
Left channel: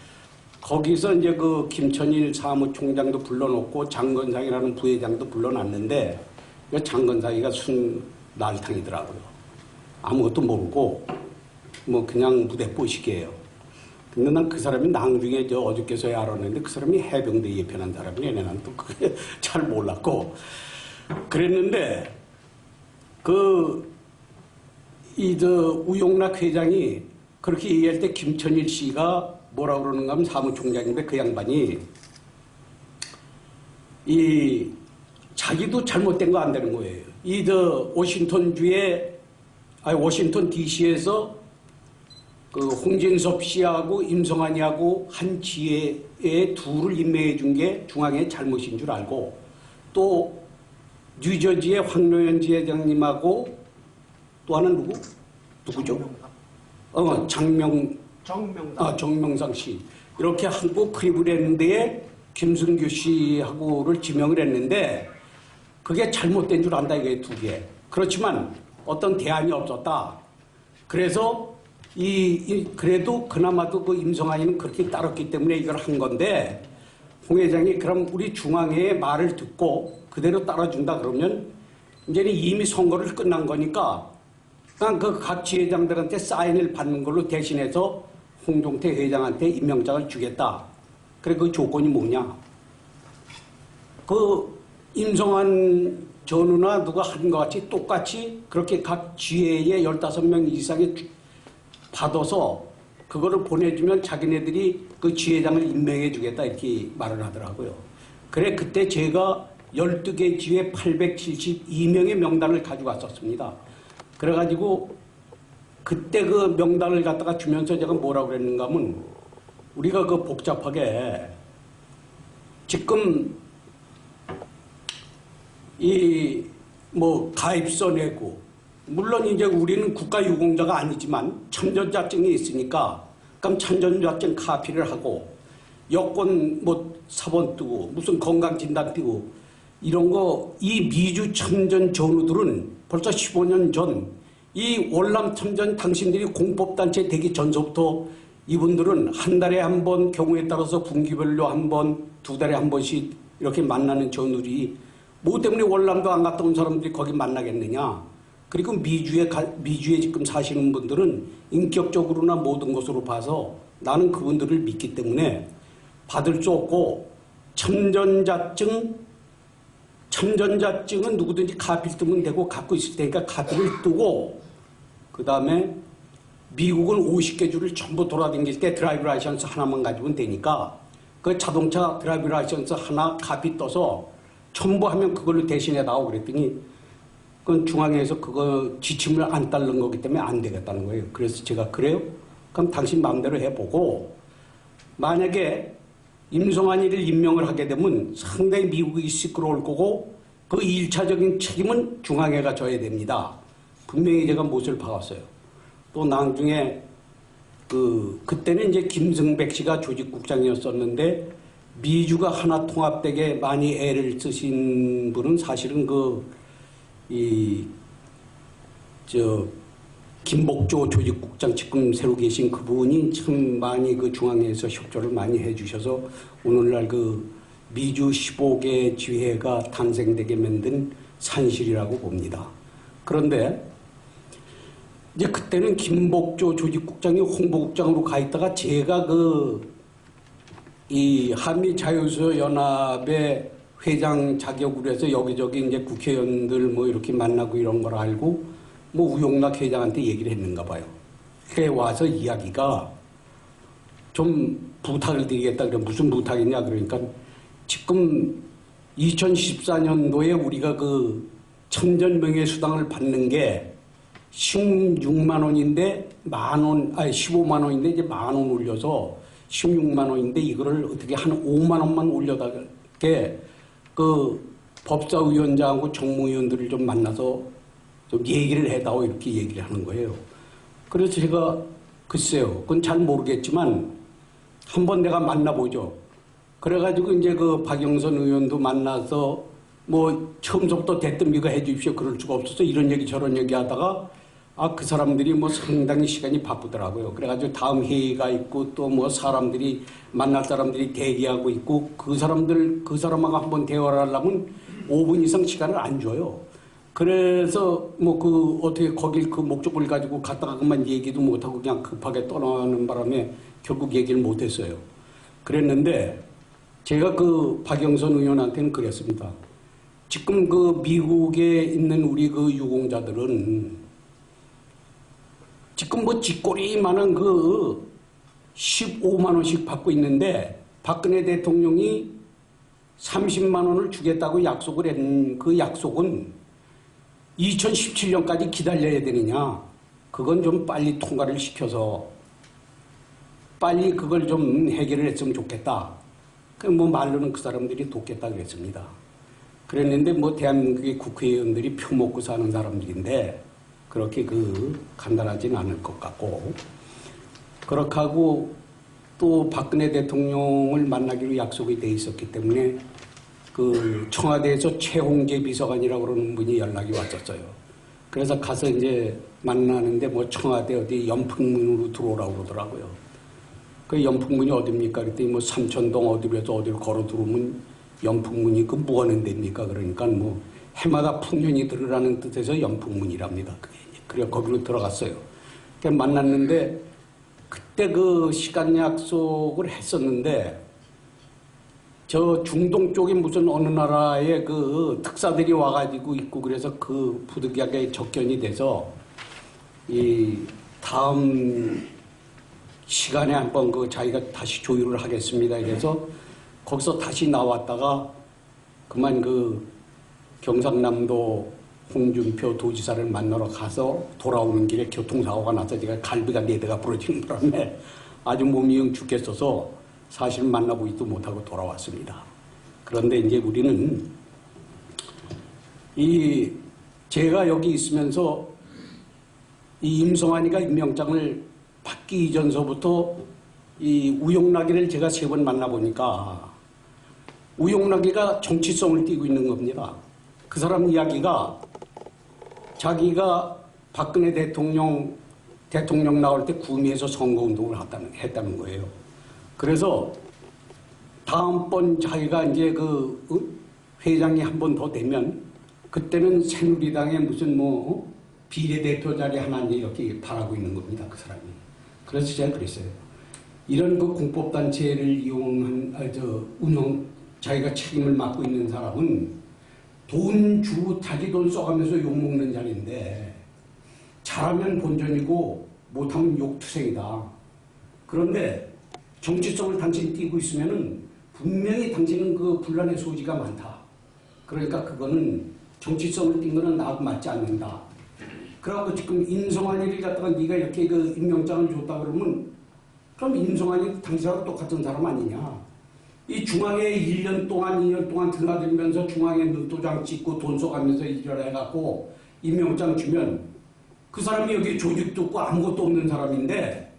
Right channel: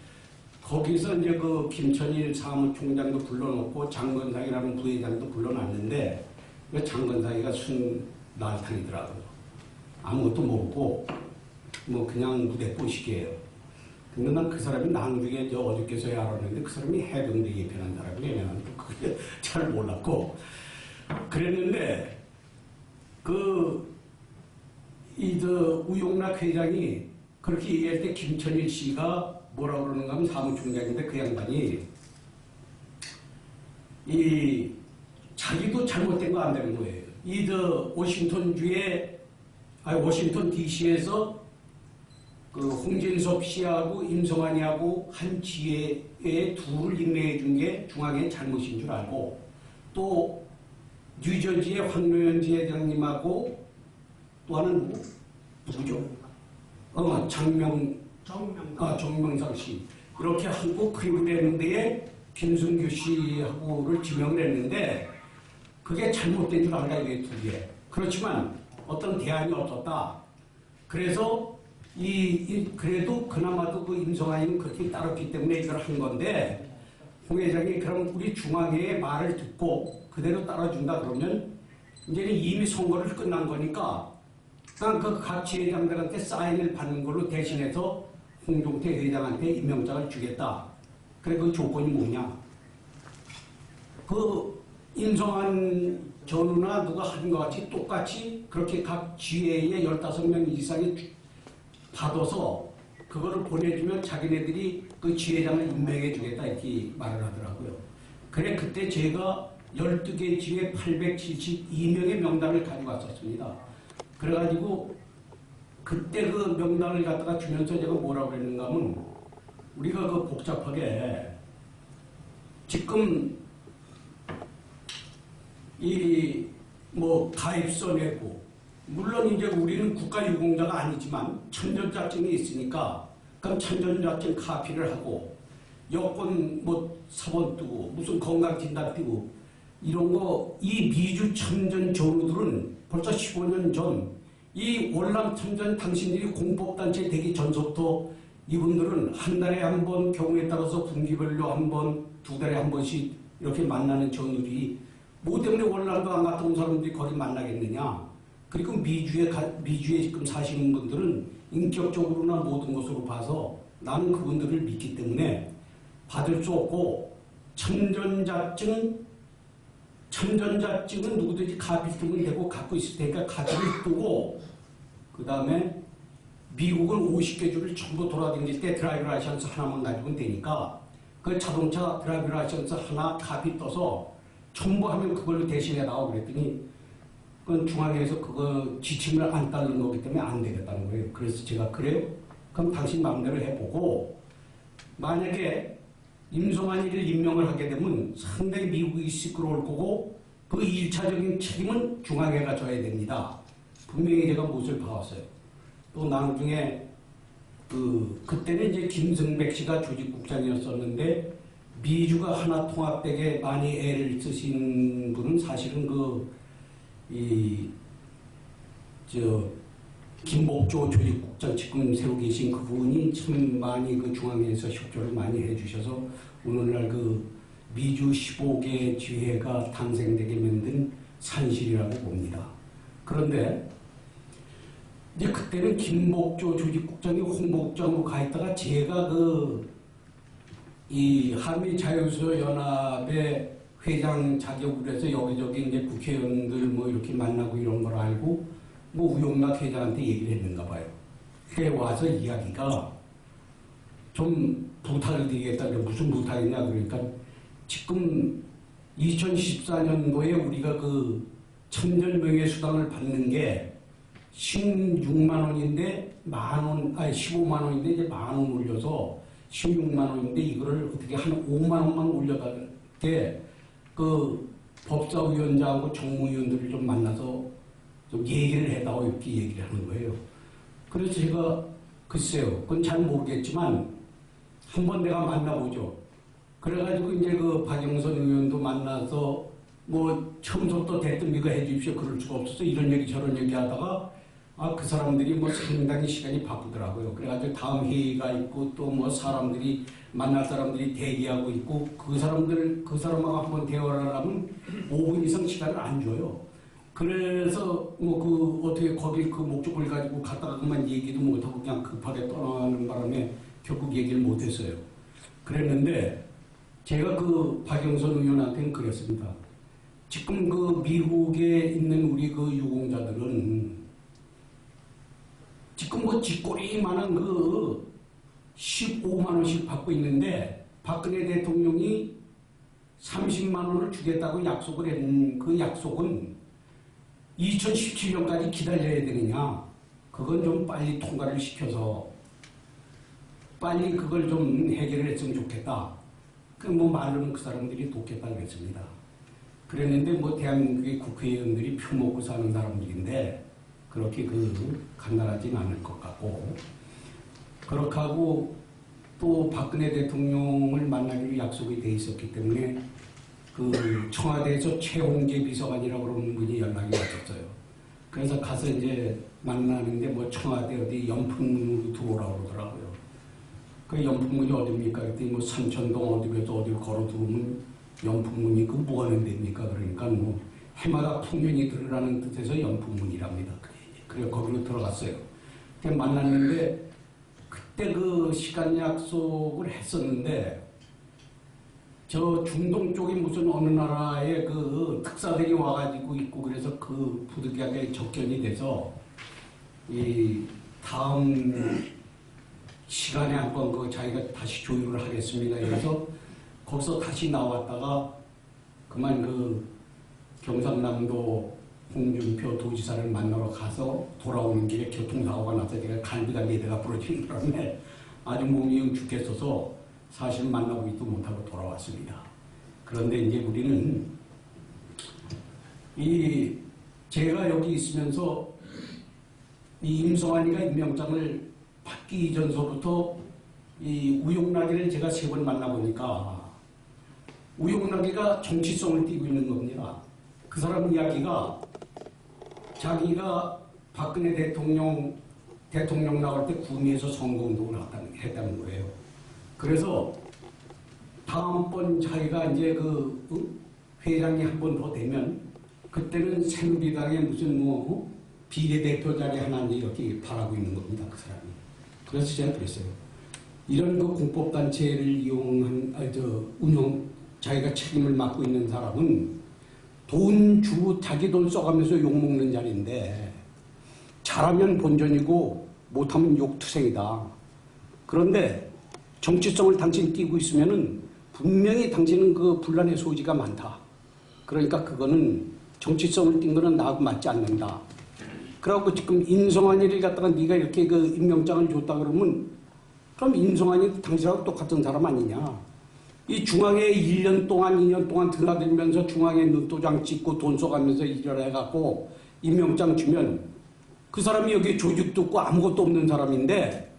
거기서 이제 그 김천일 사무총장도 불러놓고 장건상이라는 부회장도 불러놨는데 장건상이가 순 날탕이더라고요. 아무것도 모르고 뭐 그냥 무대뽀식이에요. 근데 난 그 사람이 나중에 어저께서야 알았는데 그 사람이 해병대 예편한 사람이네. 나는 또 그게 잘 몰랐고 그랬는데 우용락 회장이 그렇게 얘기할 때 김천일 씨가 뭐라 그러는가 하면 사무총장인데 그 양반이 자기도 잘못된 거 안 되는 거예요. 워싱턴 DC에서 그 홍진섭 씨하고 임성환이하고 한 지회에 둘을 임명해 준 게 중앙의 잘못인 줄 알고 또 뉴저지의 황노현 지회장님하고 또 하나는 누구죠? 정명상 씨 이렇게 하고 클리브랜드에 김승규 씨하고를 지명을 했는데 그게 잘못된 줄 안다 이게 두 개. 그렇지만 어떤 대안이 없었다. 그래서 그래도 그나마도 그 임성환이는 그렇게 따랐기 때문에 이걸 한 건데 홍 회장이 그럼 우리 중앙회의 말을 듣고 그대로 따라준다 그러면 이제는 이미 선거를 끝난 거니까 그냥 그 각 지회장들한테 사인을 받는 걸로 대신해서 홍종태 회장한테 임명장을 주겠다. 그래 그 조건이 뭐냐? 그 임성환 전우나 누가 하는 것 같이 똑같이 그렇게 각 지회에 15명 이상이 받아서 그거를 보내주면 자기네들이 그 지회장을 임명해 주겠다 이렇게 말을 하더라고요. 그래 그때 제가 12개 지회 872명의 명단을 가져갔었습니다. 그래가지고 그때 그 명단을 갖다가 주면서 제가 뭐라고 그랬는가 하면 우리가 그 복잡하게 지금 가입서 내고 물론 이제 우리는 국가유공자가 아니지만 참전자증이 있으니까 그럼 참전자증 카피를 하고 여권 사본 뜨고 무슨 건강진단 뜨고 이런 거 이 미주 참전 전우들은 벌써 15년 전 이 월남 참전 당신들이 공법단체 되기 전서부터 이분들은 한 달에 한 번 경우에 따라서 분기별로 한 번, 2달에 한 번씩 이렇게 만나는 전우들이 뭐 때문에 월남도 안 갔다 온 사람들이 거기 만나겠느냐. 그리고 미주에 지금 사시는 분들은 인격적으로나 모든 것으로 봐서 나는 그분들을 믿기 때문에 받을 수 없고 참전자증은 누구든지 카피를 뜨면 되고 갖고 있을 테니까 카피를 뜨고 그 다음에 미국은 50개 주를 전부 돌아다닐 때 드라이브 라이선스 하나만 가지고는 되니까 그 자동차 드라이브 라이선스 하나 카피 떠서 첨부하면 그걸로 대신해다오 그랬더니 그건 중앙에서 그거 지침을 안 따르는 거기 때문에 안 되겠다는 거예요. 그래서 제가 그래요? 그럼 당신 마음대로 해보고 만약에 임성환이를 임명을 하게 되면 상당히 미국이 시끄러울 거고 그 1차적인 책임은 중앙회가 져야 됩니다. 분명히 제가 못을 박았어요. 또 나중에 그때는 이제 김승백 씨가 조직국장이었었는데 미주가 하나 통합되게 많이 애를 쓰신 분은 사실은 김복조 조직국장 지금 새로 계신 그분이 참 많이 그 중앙에서 협조를 많이 해주셔서 오늘날 그 미주 15개 지회가 탄생되게 만든 산실이라고 봅니다. 그런데 이제 그때는 김복조 조직국장이 홍보국장으로 가 있다가 제가 이 한미자유수연합의 회장 자격으로 해서 여기저기 이제 국회의원들 이렇게 만나고 이런 걸 알고 우용락 회장한테 얘기를 했는가 봐요. 해와서 이야기가 좀 부탁을 드리겠다. 그래 무슨 부탁이냐 그러니까 지금 2014년도에 우리가 그 참전명예수당을 받는 게 16만 원인데 아니 15만 원인데 이제 1만 원 올려서 16만 원인데 이거를 어떻게 한 5만 원만 올려달게 그 법사위원장하고 정무위원들을 좀 만나서 좀 얘기를 해다오 이렇게 얘기를 하는 거예요. 그래서 제가 글쎄요, 그건 잘 모르겠지만 한번 내가 만나보죠. 그래가지고 이제 그 박영선 의원도 만나서 뭐 처음부터 대뜸비가 해주십시오. 그럴 수가 없어서 이런 얘기 저런 얘기 하다가 그 사람들이 뭐 상당히 시간이 바쁘더라고요. 그래가지고 다음 회의가 있고 또 뭐 사람들이 만날 사람들이 대기하고 있고 그 사람하고 한번 대화를 하려면 5분 이상 시간을 안 줘요. 그래서 뭐 그 어떻게 거길 그 목적을 가지고 갔다가 그만 얘기도 못하고 그냥 급하게 떠나는 바람에 결국 얘기를 못했어요. 그랬는데 제가 그 박영선 의원한테는 그랬습니다. 지금 그 미국에 있는 우리 그 유공자들은 지금 뭐 쥐꼬리만한 그 15만 원씩 받고 있는데 박근혜 대통령이 30만 원을 주겠다고 약속을 한 그 약속은 2017년까지 기다려야 되느냐. 그건 좀 빨리 통과를 시켜서 빨리 그걸 좀 해결을 했으면 좋겠다. 그 뭐 말로는 그 사람들이 돕겠다 그랬습니다. 그랬는데 뭐 대한민국의 국회의원들이 표 먹고 사는 사람들인데 그렇게 그 간단하진 않을 것 같고 그렇게 하고 또 박근혜 대통령을 만나기로 약속이 돼 있었기 때문에 그 청와대에서 최홍재 비서관이라고 그러는 분이 연락이 왔었어요. 그래서 가서 이제 만나는데 뭐 청와대 어디 연풍문으로 들어오라고 그러더라고요. 그 연풍문이 어딥니까? 그랬더니 뭐 삼천동 어디로 걸어 들어오면 연풍문이 그 뭐 하는 데입니까? 그러니까 뭐 해마다 풍년이 들으라는 뜻에서 연풍문이랍니다. 그래 거기로 들어갔어요. 그래 만났는데 그때 그 시간 약속을 했었는데 저 중동 쪽에 무슨 어느 나라의 그 특사들이 와가지고 있고 그래서 그 부득이하게 접견이 돼서 이 다음 시간에 한번 그 자기가 다시 조율을 하겠습니다. 그래서 거기서 다시 나왔다가 그만 그 경상남도 홍준표 도지사를 만나러 가서 돌아오는 길에 교통사고가 나서 제가 갈비가 4대가 부러지는 바람에 아주 몸이 영 죽겠어서 사실 만나보지도 못하고 돌아왔습니다. 그런데 이제 우리는 제가 여기 있으면서 이 임성환이가 임명장을 받기 이전서부터 이 우용락이를 제가 3번 만나보니까 우용락이가 정치성을 띠고 있는 겁니다. 그 사람 이야기가 자기가 박근혜 대통령 나올 때 구미에서 선거운동을 했다는 거예요. 그래서 다음번 자기가 이제 그 회장이 한 번 더 되면 그때는 새누리당의 무슨 뭐 비례대표 자리 하나 이렇게 바라고 있는 겁니다. 그 사람이. 그래서 제가 그랬어요. 이런 그 공법단체를 이용한 자기가 책임을 맡고 있는 사람은 돈 주고 자기 돈 써가면서 욕먹는 자리인데 잘하면 본전이고 못하면 욕투성이다. 그런데 정치성을 당신이 띄고 있으면은 분명히 당신은 그 분란의 소지가 많다. 그러니까 그거는 정치성을 띈 거는 나하고 맞지 않는다. 그래갖고 지금 임성환이를 갖다가 네가 이렇게 그 임명장을 줬다 그러면 그럼 임성환이 당신하고 똑같은 사람 아니냐. 이 중앙에 1년 동안 2년 동안 드나들면서 중앙에 눈도장 찍고 돈 써가면서 일을 해갖고 임명장 주면 그 사람이 여기 조직도 없고 아무것도 없는 사람인데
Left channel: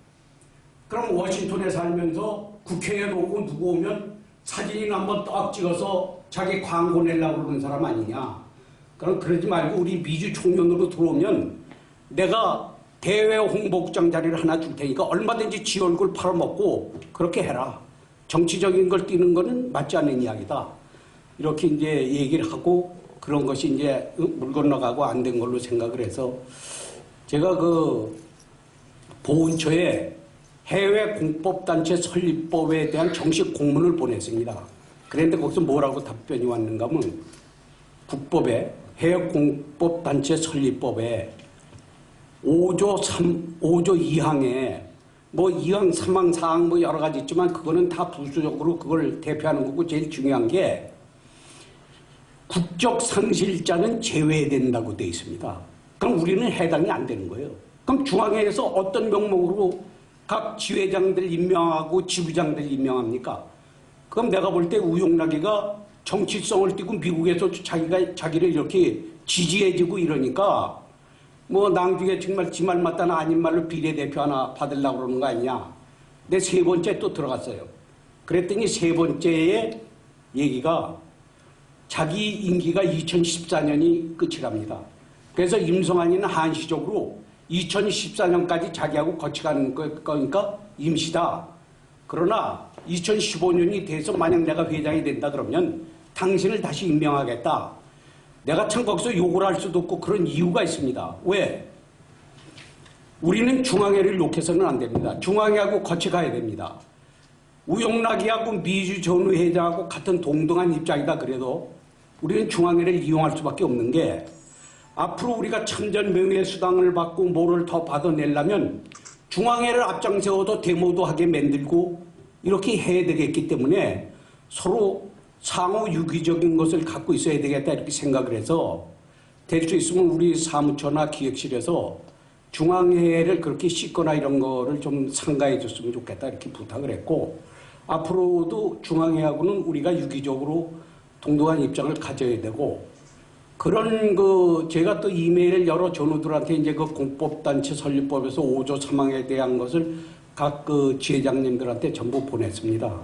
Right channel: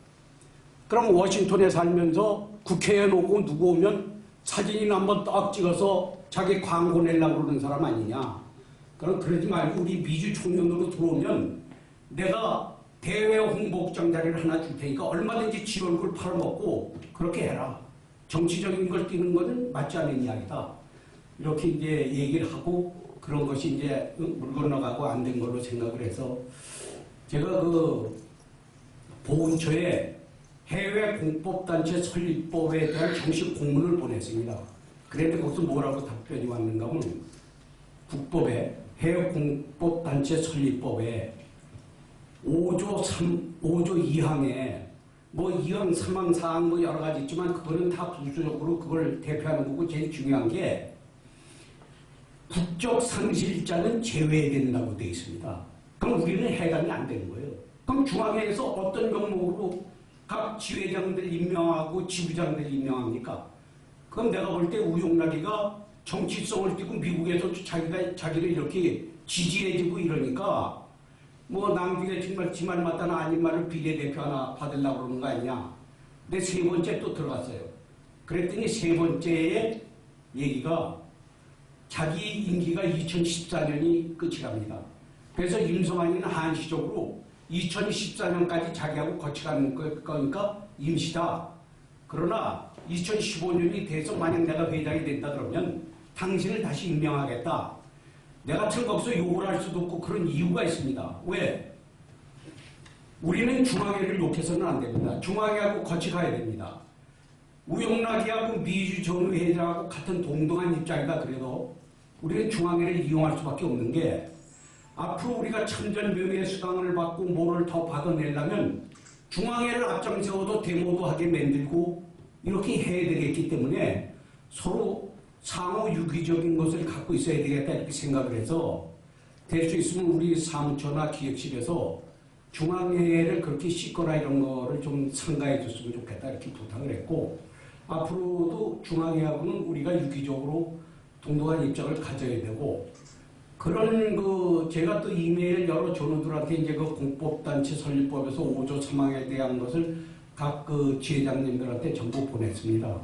그럼 워싱턴에 살면서 국회에 놓고 누구 오면 사진이나 한번 딱 찍어서 자기 광고 내려고 그러는 사람 아니냐. 그럼 그러지 말고 우리 미주 총련으로 들어오면 내가 대외 홍보국장 자리를 하나 줄 테니까 얼마든지 지 얼굴 팔아먹고 그렇게 해라. 정치적인 걸 띄는 거는 맞지 않는 이야기다. 이렇게 이제 얘기를 하고 그런 것이 이제 물 건너가고 안 된 걸로 생각을 해서 제가 그 보훈처에 해외 공법단체 설립법에 대한 정식 공문을 보냈습니다. 그런데 거기서 뭐라고 답변이 왔는가 하면 국법에 해외 공법단체 설립법에 5조 2항에 뭐 2항, 3항, 4항 뭐 여러 가지 있지만 그거는 다 부수적으로 그걸 대표하는 거고 제일 중요한 게 국적 상실자는 제외된다고 되어 있습니다. 그럼 우리는 해당이 안 되는 거예요. 그럼 중앙회에서 어떤 명목으로 각 지회장들 임명하고 지부장들 임명합니까? 그럼 내가 볼 때 우용락이가 정치성을 띠고 미국에서 자기를 이렇게 지지해주고 이러니까 뭐 나중에 정말 지 말 맞다나 아닌 말로 비례대표 하나 받으려고 그러는 거 아니냐. 내 세 번째 또 들어갔어요. 그랬더니 세 번째의 얘기가 자기 임기가 2014년이 끝이랍니다. 그래서 임성환이는 한시적으로 2014년까지 자기하고 같이 가는 거니까 임시다. 그러나 2015년이 돼서 만약 내가 회장이 된다 그러면 당신을 다시 임명하겠다. 내가 참 거기서 욕을 할 수도 없고 그런 이유가 있습니다. 왜? 우리는 중앙회를 욕해서는 안 됩니다. 중앙회하고 같이 가야 됩니다. 우용락이하고 미주 전우 회장하고 같은 동등한 입장이다 그래도 우리는 중앙회를 이용할 수밖에 없는 게 앞으로 우리가 참전 명예 수당을 받고 뭐를 더 받아내려면 중앙회를 앞장세워도 데모도 하게 만들고 이렇게 해야 되겠기 때문에 서로 상호 유기적인 것을 갖고 있어야 되겠다 이렇게 생각을 해서 될 수 있으면 우리 사무처나 기획실에서 중앙회를 그렇게 씻거나 이런 거를 좀 상가해 줬으면 좋겠다 이렇게 부탁을 했고 앞으로도 중앙회하고는 우리가 유기적으로 동등한 입장을 가져야 되고 그런 제가 또 이메일 여러 전우들한테 이제 그 공법단체 설립법에서 5조 3항에 대한 것을 각 지회장님들한테 전부 보냈습니다.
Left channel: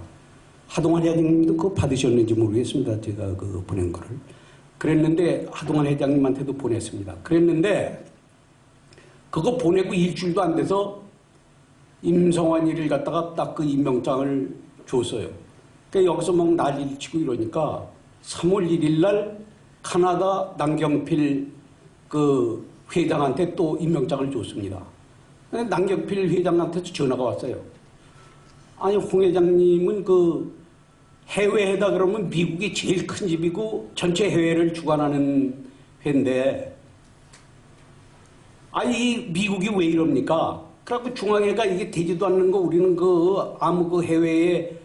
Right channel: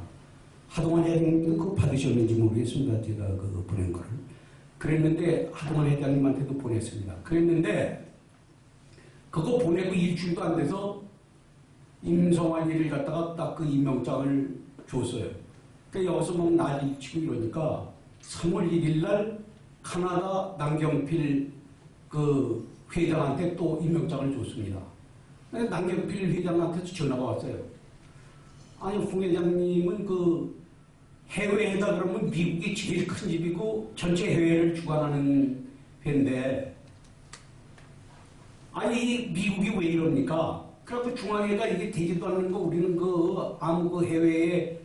하동환 회장님도 그거 받으셨는지 모르겠습니다. 제가 보낸 거를. 그랬는데 하동환 회장님한테도 보냈습니다. 그랬는데 그거 보내고 일주일도 안 돼서 임성환이를 갖다가 딱 그 임명장을 줬어요. 그러니까 여기서 막 난리를 치고 이러니까 3월 1일 날 카나다 남경필 회장한테 또 임명장을 줬습니다. 남경필 회장한테도 전화가 왔어요. 아니 홍 회장님은 해외에다 그러면 미국이 제일 큰 집이고 전체 해외를 주관하는 회인데 아니 미국이 왜 이럽니까? 그래갖고 중앙회가 이게 되지도 않는 거 우리는 아무 해외에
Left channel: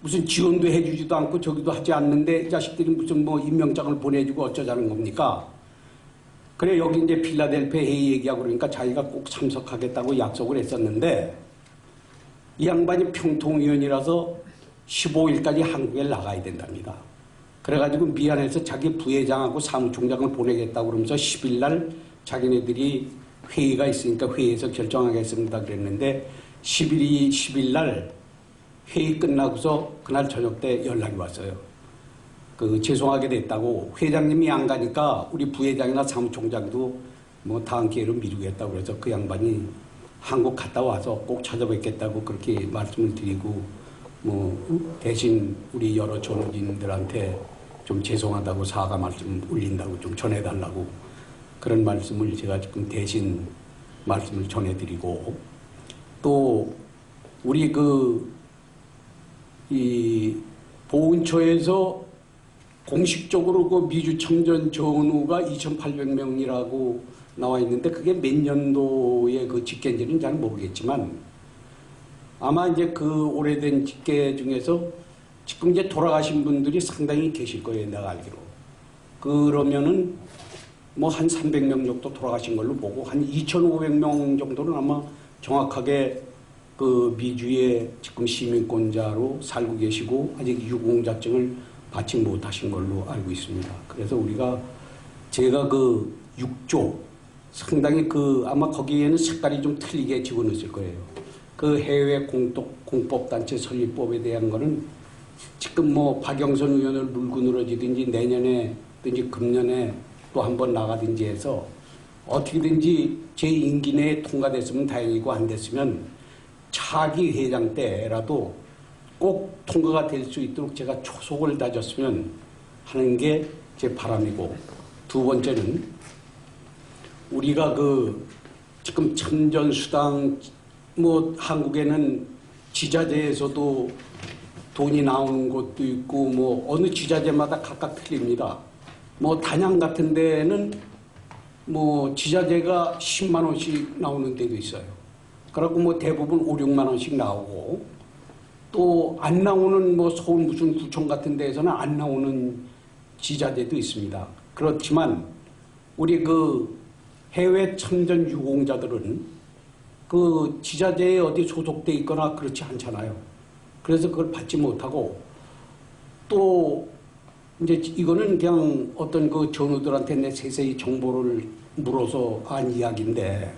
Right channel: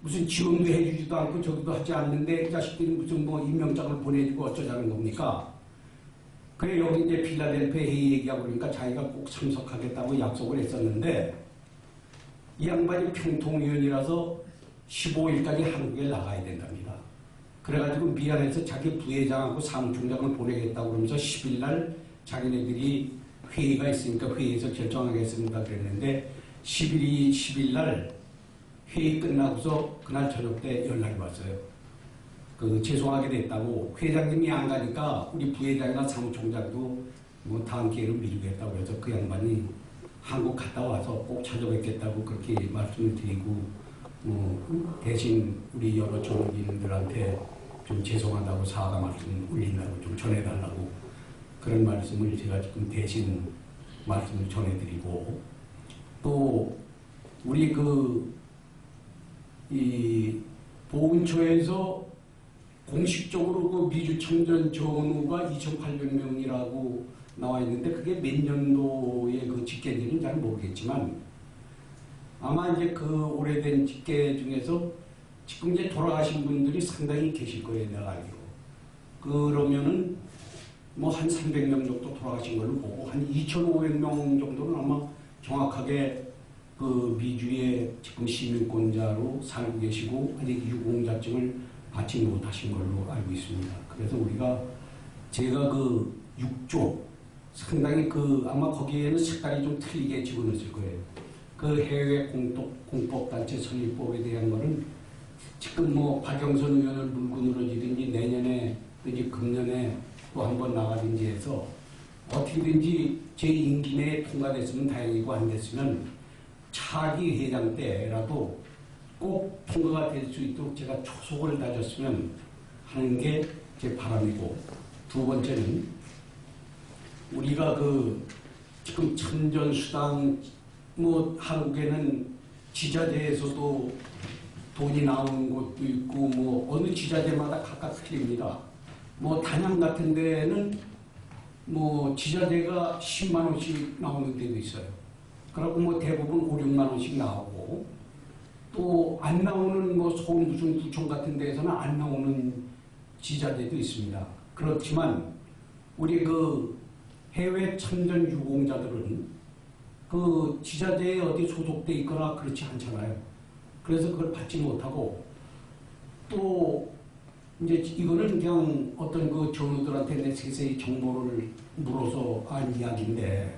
무슨 지원도 해주지도 않고 저기도 하지 않는데 이 자식들이 무슨 임명장을 보내주고 어쩌자는 겁니까? 그래 여기 이제 필라델피아 회의 얘기하고 그러니까 자기가 꼭 참석하겠다고 약속을 했었는데 이 양반이 평통위원이라서 15일까지 한국에 나가야 된답니다. 그래가지고 미안해서 자기 부회장하고 사무총장을 보내겠다고 그러면서 10일 날 자기네들이 회의가 있으니까 회의에서 결정하겠습니다 그랬는데 10일 날 회의 끝나고서 그날 저녁 때 연락이 왔어요. 죄송하게 됐다고 회장님이 안 가니까 우리 부회장이나 사무총장도 다음 기회로 미루겠다고 그래서 그 양반이 한국 갔다 와서 꼭 찾아뵙겠다고 그렇게 말씀을 드리고 대신 우리 여러 전우진들한테 좀 죄송하다고 사과 말씀 올린다고 좀 전해달라고 그런 말씀을 제가 지금 대신 말씀을 전해드리고 또 우리 이 보훈처에서 공식적으로 미주 청전 전우가 2,800명이라고 나와 있는데 그게 몇 년도의 집계인지는 잘 모르겠지만 아마 이제 오래된 집계 중에서 지금 이제 돌아가신 분들이 상당히 계실 거예요, 내가 알기로. 그러면은 한 300명 정도 돌아가신 걸로 보고 한 2,500명 정도는 아마 정확하게 미주의 지금 시민권자로 살고 계시고 아직 유공자증을 받지 못하신 걸로 알고 있습니다. 그래서 제가 6조 상당히 아마 거기에는 색깔이 좀 틀리게 집어넣었을 거예요. 해외 공법단체 설립법에 대한 거는 지금 박영선 의원을 물고 늘어지든지 내년에든지 금년에 또 한 번 나가든지 해서 어떻게든지 제 임기 내에 통과됐으면 다행이고 안 됐으면 차기 회장 때라도 꼭 통과가 될 수 있도록 제가 초속을 다졌으면 하는 게 제 바람이고 두 번째는 우리가 지금 참전수당 한국에는 지자체에서도 돈이 나오는 곳도 있고 어느 지자체마다 각각 틀립니다. 단양 같은 데는 지자체가 10만 원씩 나오는 데도 있어요. 그리고 대부분 5, 6만 원씩 나오고 또 안 나오는 서울 무슨 구청 같은 데에서는 안 나오는 지자체도 있습니다. 그렇지만 우리 해외 참전 유공자들은 그 지자체에 어디 소속돼 있거나 그렇지 않잖아요. 그래서 그걸 받지 못하고 또 이제 이거는 그냥 어떤 그 전우들한테 내 세세히 정보를 물어서 한 이야기인데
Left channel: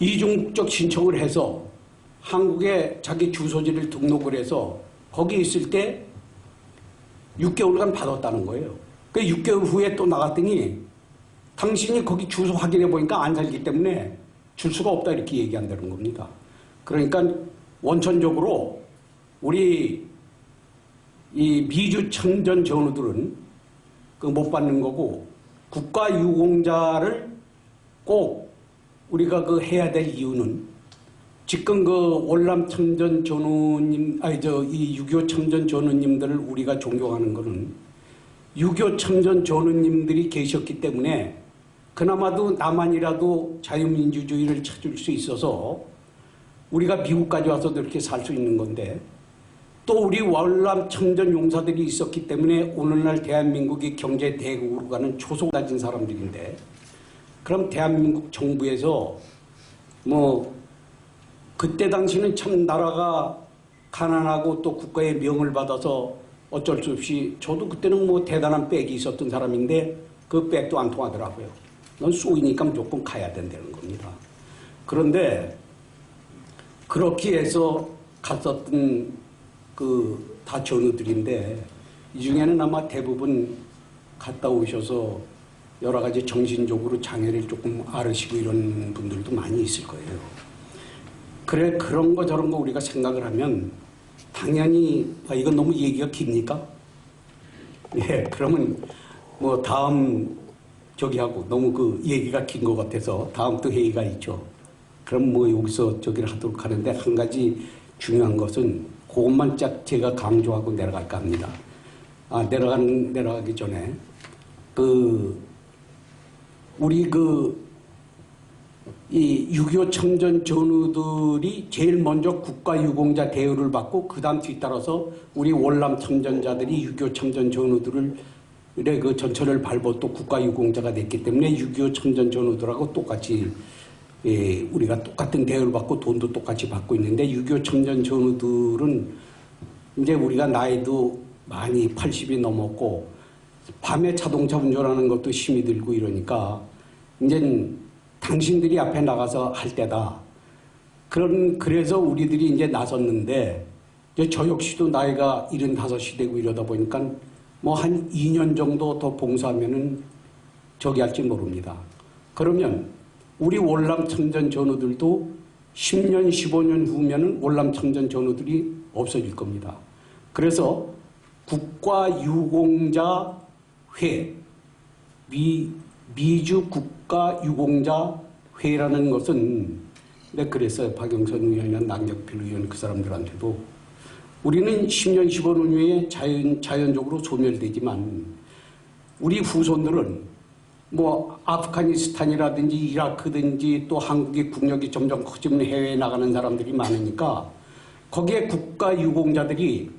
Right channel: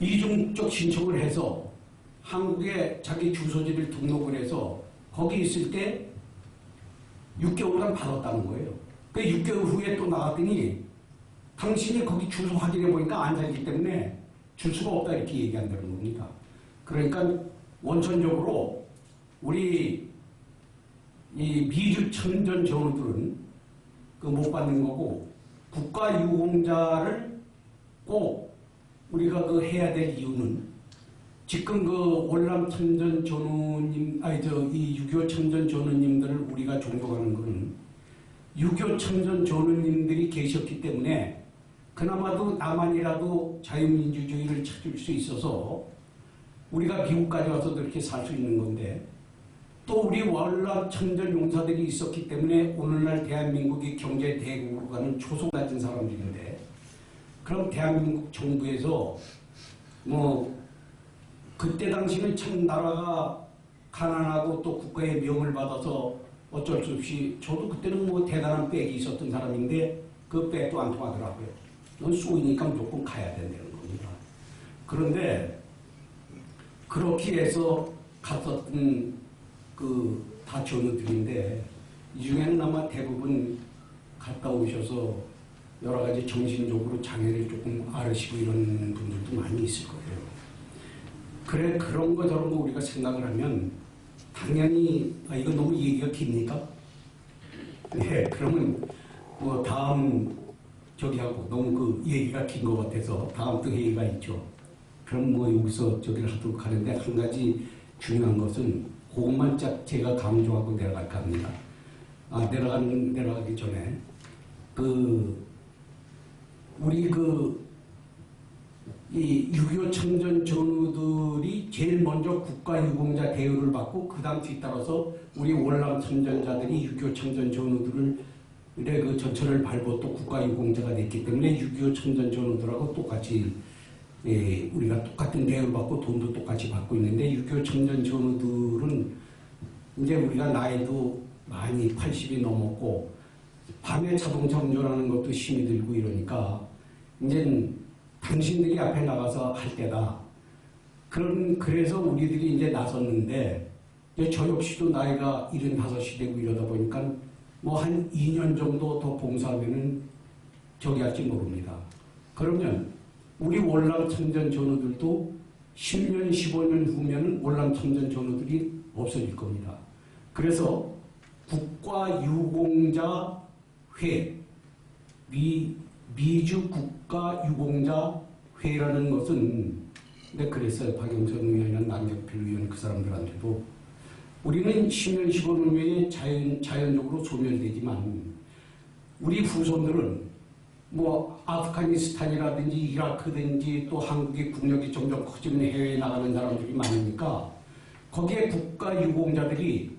이중적 신청을 해서 한국에 자기 주소지를 등록을 해서 거기 있을 때 6개월간 받았다는 거예요. 그 6개월 후에 또 나갔더니 당신이 거기 주소 확인해 보니까 안 살기 때문에 줄 수가 없다 이렇게 얘기한다는 겁니다. 그러니까 원천적으로 우리 이 미주 참전 전우들은 그 못 받는 거고 국가 유공자를 꼭 우리가 그 해야 될 이유는 지금 그 월남 참전 전우님 이 6.25 참전 전우님들을 우리가 존경하는 거는 6.25 참전 전우님들이 계셨기 때문에 그나마도 나만이라도 자유민주주의를 찾을 수 있어서 우리가 미국까지 와서도 이렇게 살 수 있는 건데 또 우리 월남 참전 용사들이 있었기 때문에 오늘날 대한민국이 경제 대국으로 가는 초속 가진 사람들인데 그럼 대한민국 정부에서 뭐 그때 당시는 참 나라가 가난하고 또 국가의 명을 받아서 어쩔 수 없이 저도 그때는 뭐 대단한 백이 있었던 사람인데 그 백도 안 통하더라고요. 넌 쏘이니까 무조건 가야 된다는 겁니다. 그런데 그렇게 해서 갔었던 그 다 전우들인데 이 중에는 아마 대부분 갔다 오셔서 여러 가지 정신적으로 장애를 조금 앓으시고 이런 분들도 많이 있을 거예요. 그래 그런 거 저런 거 우리가 생각을 하면 당연히 이건 너무 얘기가 깁니까? 네, 그러면 뭐 다음 저기 하고 너무 그 얘기가 긴 것 같아서 다음 또 회의가 있죠. 그럼 뭐 여기서 저기를 하도록 하는데 한 가지 중요한 것은 그것만 짝 제가 강조하고 내려갈까 합니다. 내려가기 전에 우리 이 6.25 참전 전우들이 제일 먼저 국가유공자 대우를 받고 그 다음 뒤따라서 우리 월남 참전자들이 6.25 참전 전우들의 그 전철을 밟고 또 국가유공자가 됐기 때문에 6.25 참전 전우들하고 똑같이 우리가 똑같은 대우를 받고 돈도 똑같이 받고 있는데 6.25 참전 전우들은 이제 우리가 나이도 많이 80이 넘었고 밤에 자동차 운전하는 것도 힘이 들고 이러니까 이제 당신들이 앞에 나가서 할 때다. 그래서 우리들이 이제 나섰는데 이제 저 역시도 나이가 75이 되고 이러다 보니까 뭐 한 2년 정도 더 봉사하면은 저기 할지 모릅니다. 그러면 우리 월남 참전 전우들도 10년, 15년 후면은 월남 참전 전우들이 없어질 겁니다. 그래서 국가유공자회, 미주 국가유공자회라는 것은 내가 그랬어요. 박영선 의원이나 남경필 의원 그 사람들한테도 우리는 10년, 15년 후에 자연적으로 소멸되지만 우리 후손들은 뭐 아프가니스탄이라든지 이라크든지 또 한국의 국력이 점점 커지면 해외에 나가는 사람들이 많으니까 거기에 국가유공자들이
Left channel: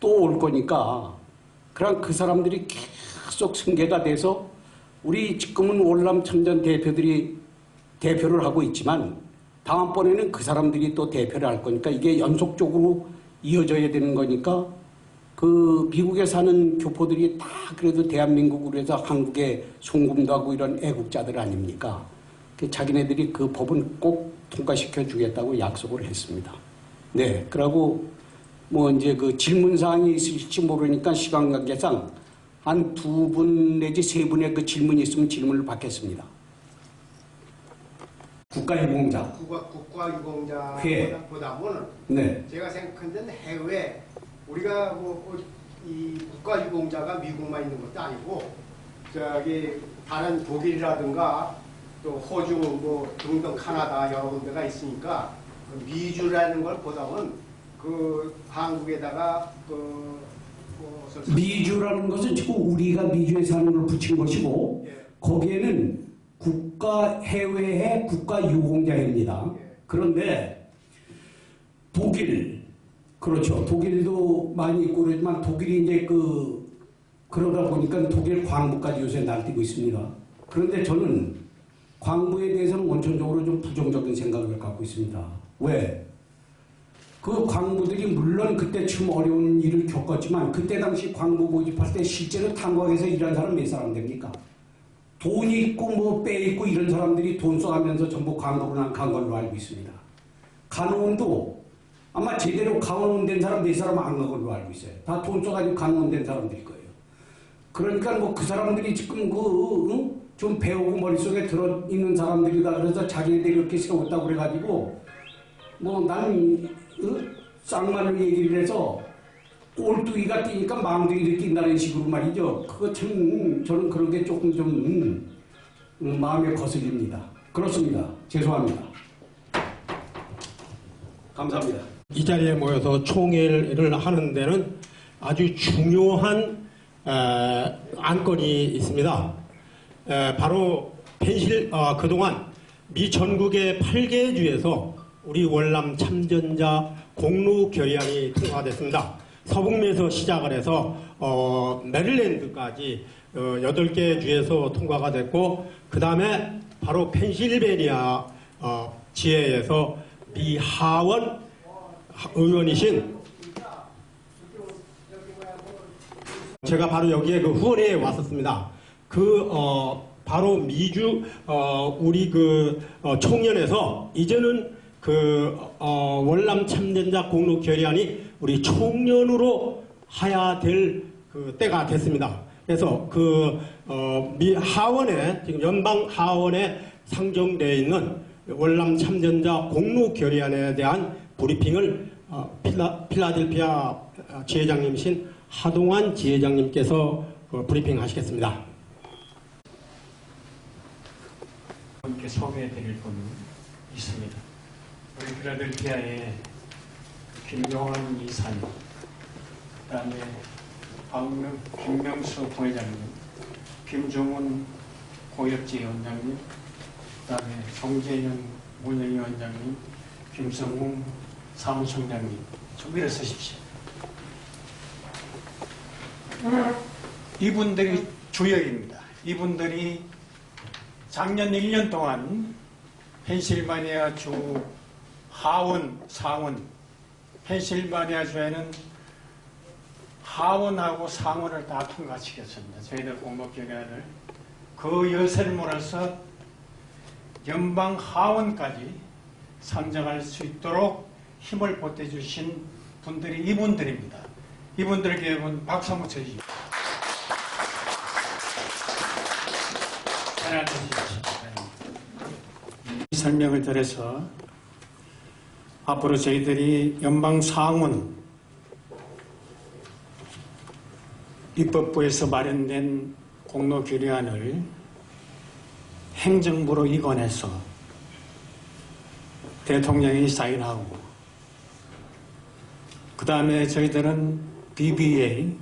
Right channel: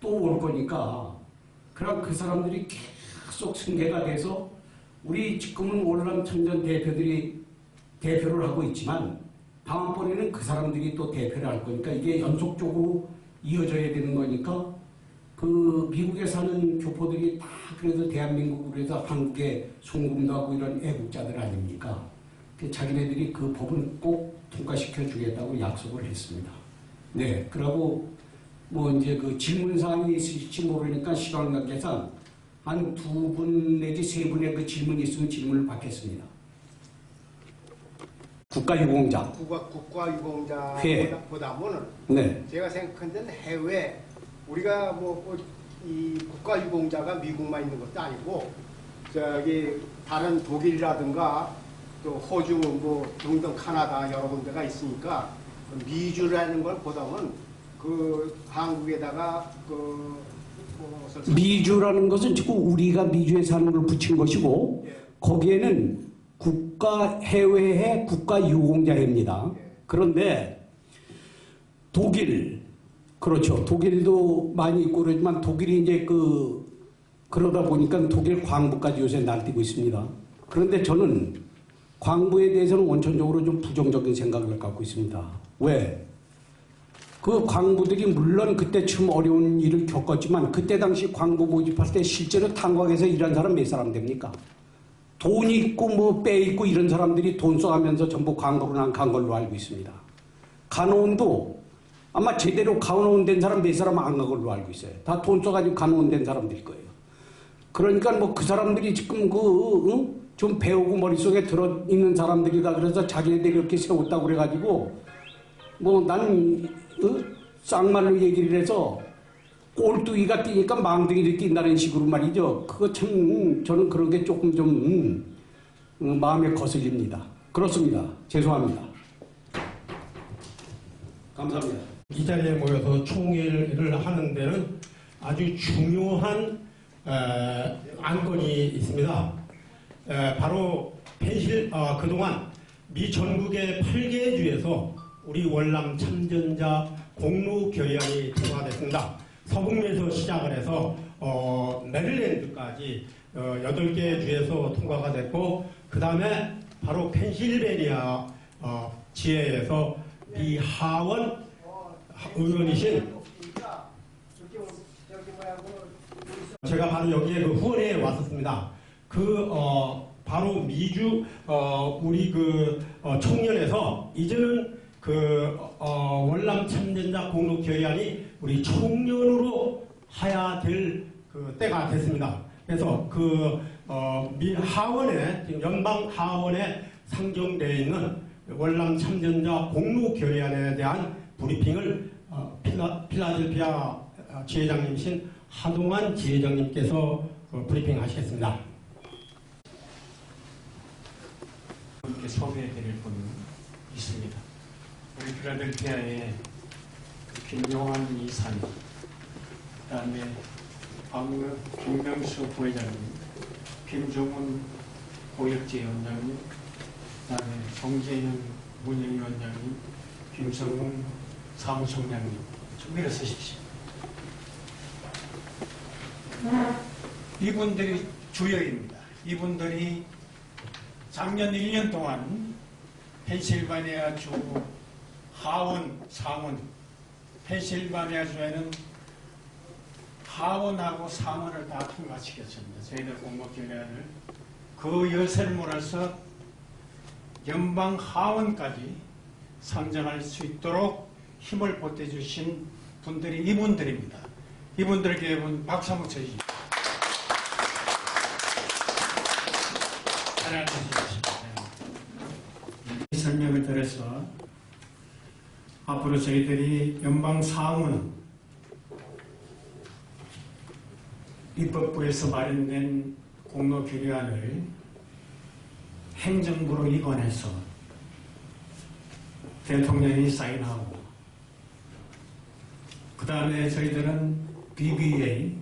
또 올 거니까 그럼 그 사람들이 계속 승계가 돼서 우리 지금은 월남 참전 대표들이 대표를 하고 있지만 다음번에는 그 사람들이 또 대표를 할 거니까 이게 연속적으로 이어져야 되는 거니까 그 미국에 사는 교포들이 다 그래도 대한민국으로 해서 한국에 송금도 하고 이런 애국자들 아닙니까? 자기네들이 그 법은 꼭 통과시켜 주겠다고 약속을 했습니다. 네, 그러고 뭐 이제 그 질문사항이 있을지 모르니까 시간 관계상 한 2분 내지 3분의 그 질문이 있으면 질문을 받겠습니다. 국가유공자. 국가유공자보다는 네. 제가 생각한 데는 해외 우리가 이 국가유공자가 미국만 있는 것도 아니고 저기 다른 독일이라든가 또 호주 뭐 등등 카나다 여러 군데가 있으니까 그 미주라는 걸 보다는 그 한국에다가 미주라는 것은 지금 우리가 미주에 사는 걸 붙인 것이고 예. 거기에는 국가해외의 국가유공자회입니다. 예. 그런데 독일 그렇죠. 독일도 많이 있고 그러지만 독일이 이제 그러다 보니까 독일 광부까지 요새 날뛰고 있습니다. 그런데 저는 광부에 대해서는 원천적으로 좀 부정적인 생각을 갖고 있습니다. 왜? 그 광부들이 물론 그때쯤 어려운 일을 겪었지만 그때 당시 광부 모집할 때 실제로 탄광에서 일한 사람 몇 사람 됩니까? 돈이 있고 뭐 빼 있고 이런 사람들이 돈 써가면서 전부 광부로 난 간 걸로 알고 있습니다. 간호원도 아마 제대로 간호원된 사람 몇 사람 안 간 걸로 알고 있어요. 다 돈 써가지고 간호원된 사람들일 거예요. 그러니까 뭐 그 사람들이 지금 좀 배우고 머릿속에 들어있는 사람들이다 그래서 자기네들이 이렇게 세웠다고 그래가지고 뭐 나는 쌍말로 얘기를 해서 꼴뚜기가 뛰니까 망둥이를 뛴다는 식으로 말이죠. 그거 참 저는 그런 게 조금 좀 마음에 거슬립니다. 그렇습니다. 죄송합니다. 감사합니다. 이 자리에 모여서 총회를 하는 데는 아주 중요한 안건이 있습니다. 바로 그동안 미 전국의 8개 주에서 우리 월남 참전자 공로 결의안이 통과됐습니다. 서북미에서 시작을 해서 메릴랜드까지 8개 주에서 통과가 됐고 그 다음에 바로 펜실베니아 지회에서 미 하원 의원이신 제가 바로 여기에 그 후원회에 왔었습니다. 바로 미주 우리 총련에서 이제는 월남 참전자 공로 결의안이 우리 총련으로 해야 될 때가 됐습니다. 그래서 미 하원에 지금 연방 하원에 상정되어 있는 월남 참전자 공로 결의안에 대한 브리핑을 필라델피아 지회장님이신 하동환 지회장님께서 브리핑 하시겠습니다. 함께 소개해드릴 분이 있습니다. 우리 필라델피아의 김용환 이사님, 그다음에 김명수 부회장님, 김종훈 고역지위원장님, 그다음에 정재현 문예위원장님, 김성웅 사무총장님, 좀 일어서십시오. 이분들이 주역입니다. 이분들이 작년 1년 동안 펜실바니아 주 하원, 상원, 펜실바니아 주에는 하원하고 상원을 다 통과시켰습니다. 저희들 공모결의안을 그 여세를 몰아서 연방 하원까지 상정할 수 있도록 힘을 보태주신 분들이 이분들입니다. 이분들에게 여러분 박수 한번 쳐주십시오. 잘 앉으십시오. 설명을 드려서 앞으로 저희들이 연방 상원 입법부에서 마련된 공로 결의안을 행정부로 이관해서 대통령이 사인하고 그 다음에 저희들은 BBA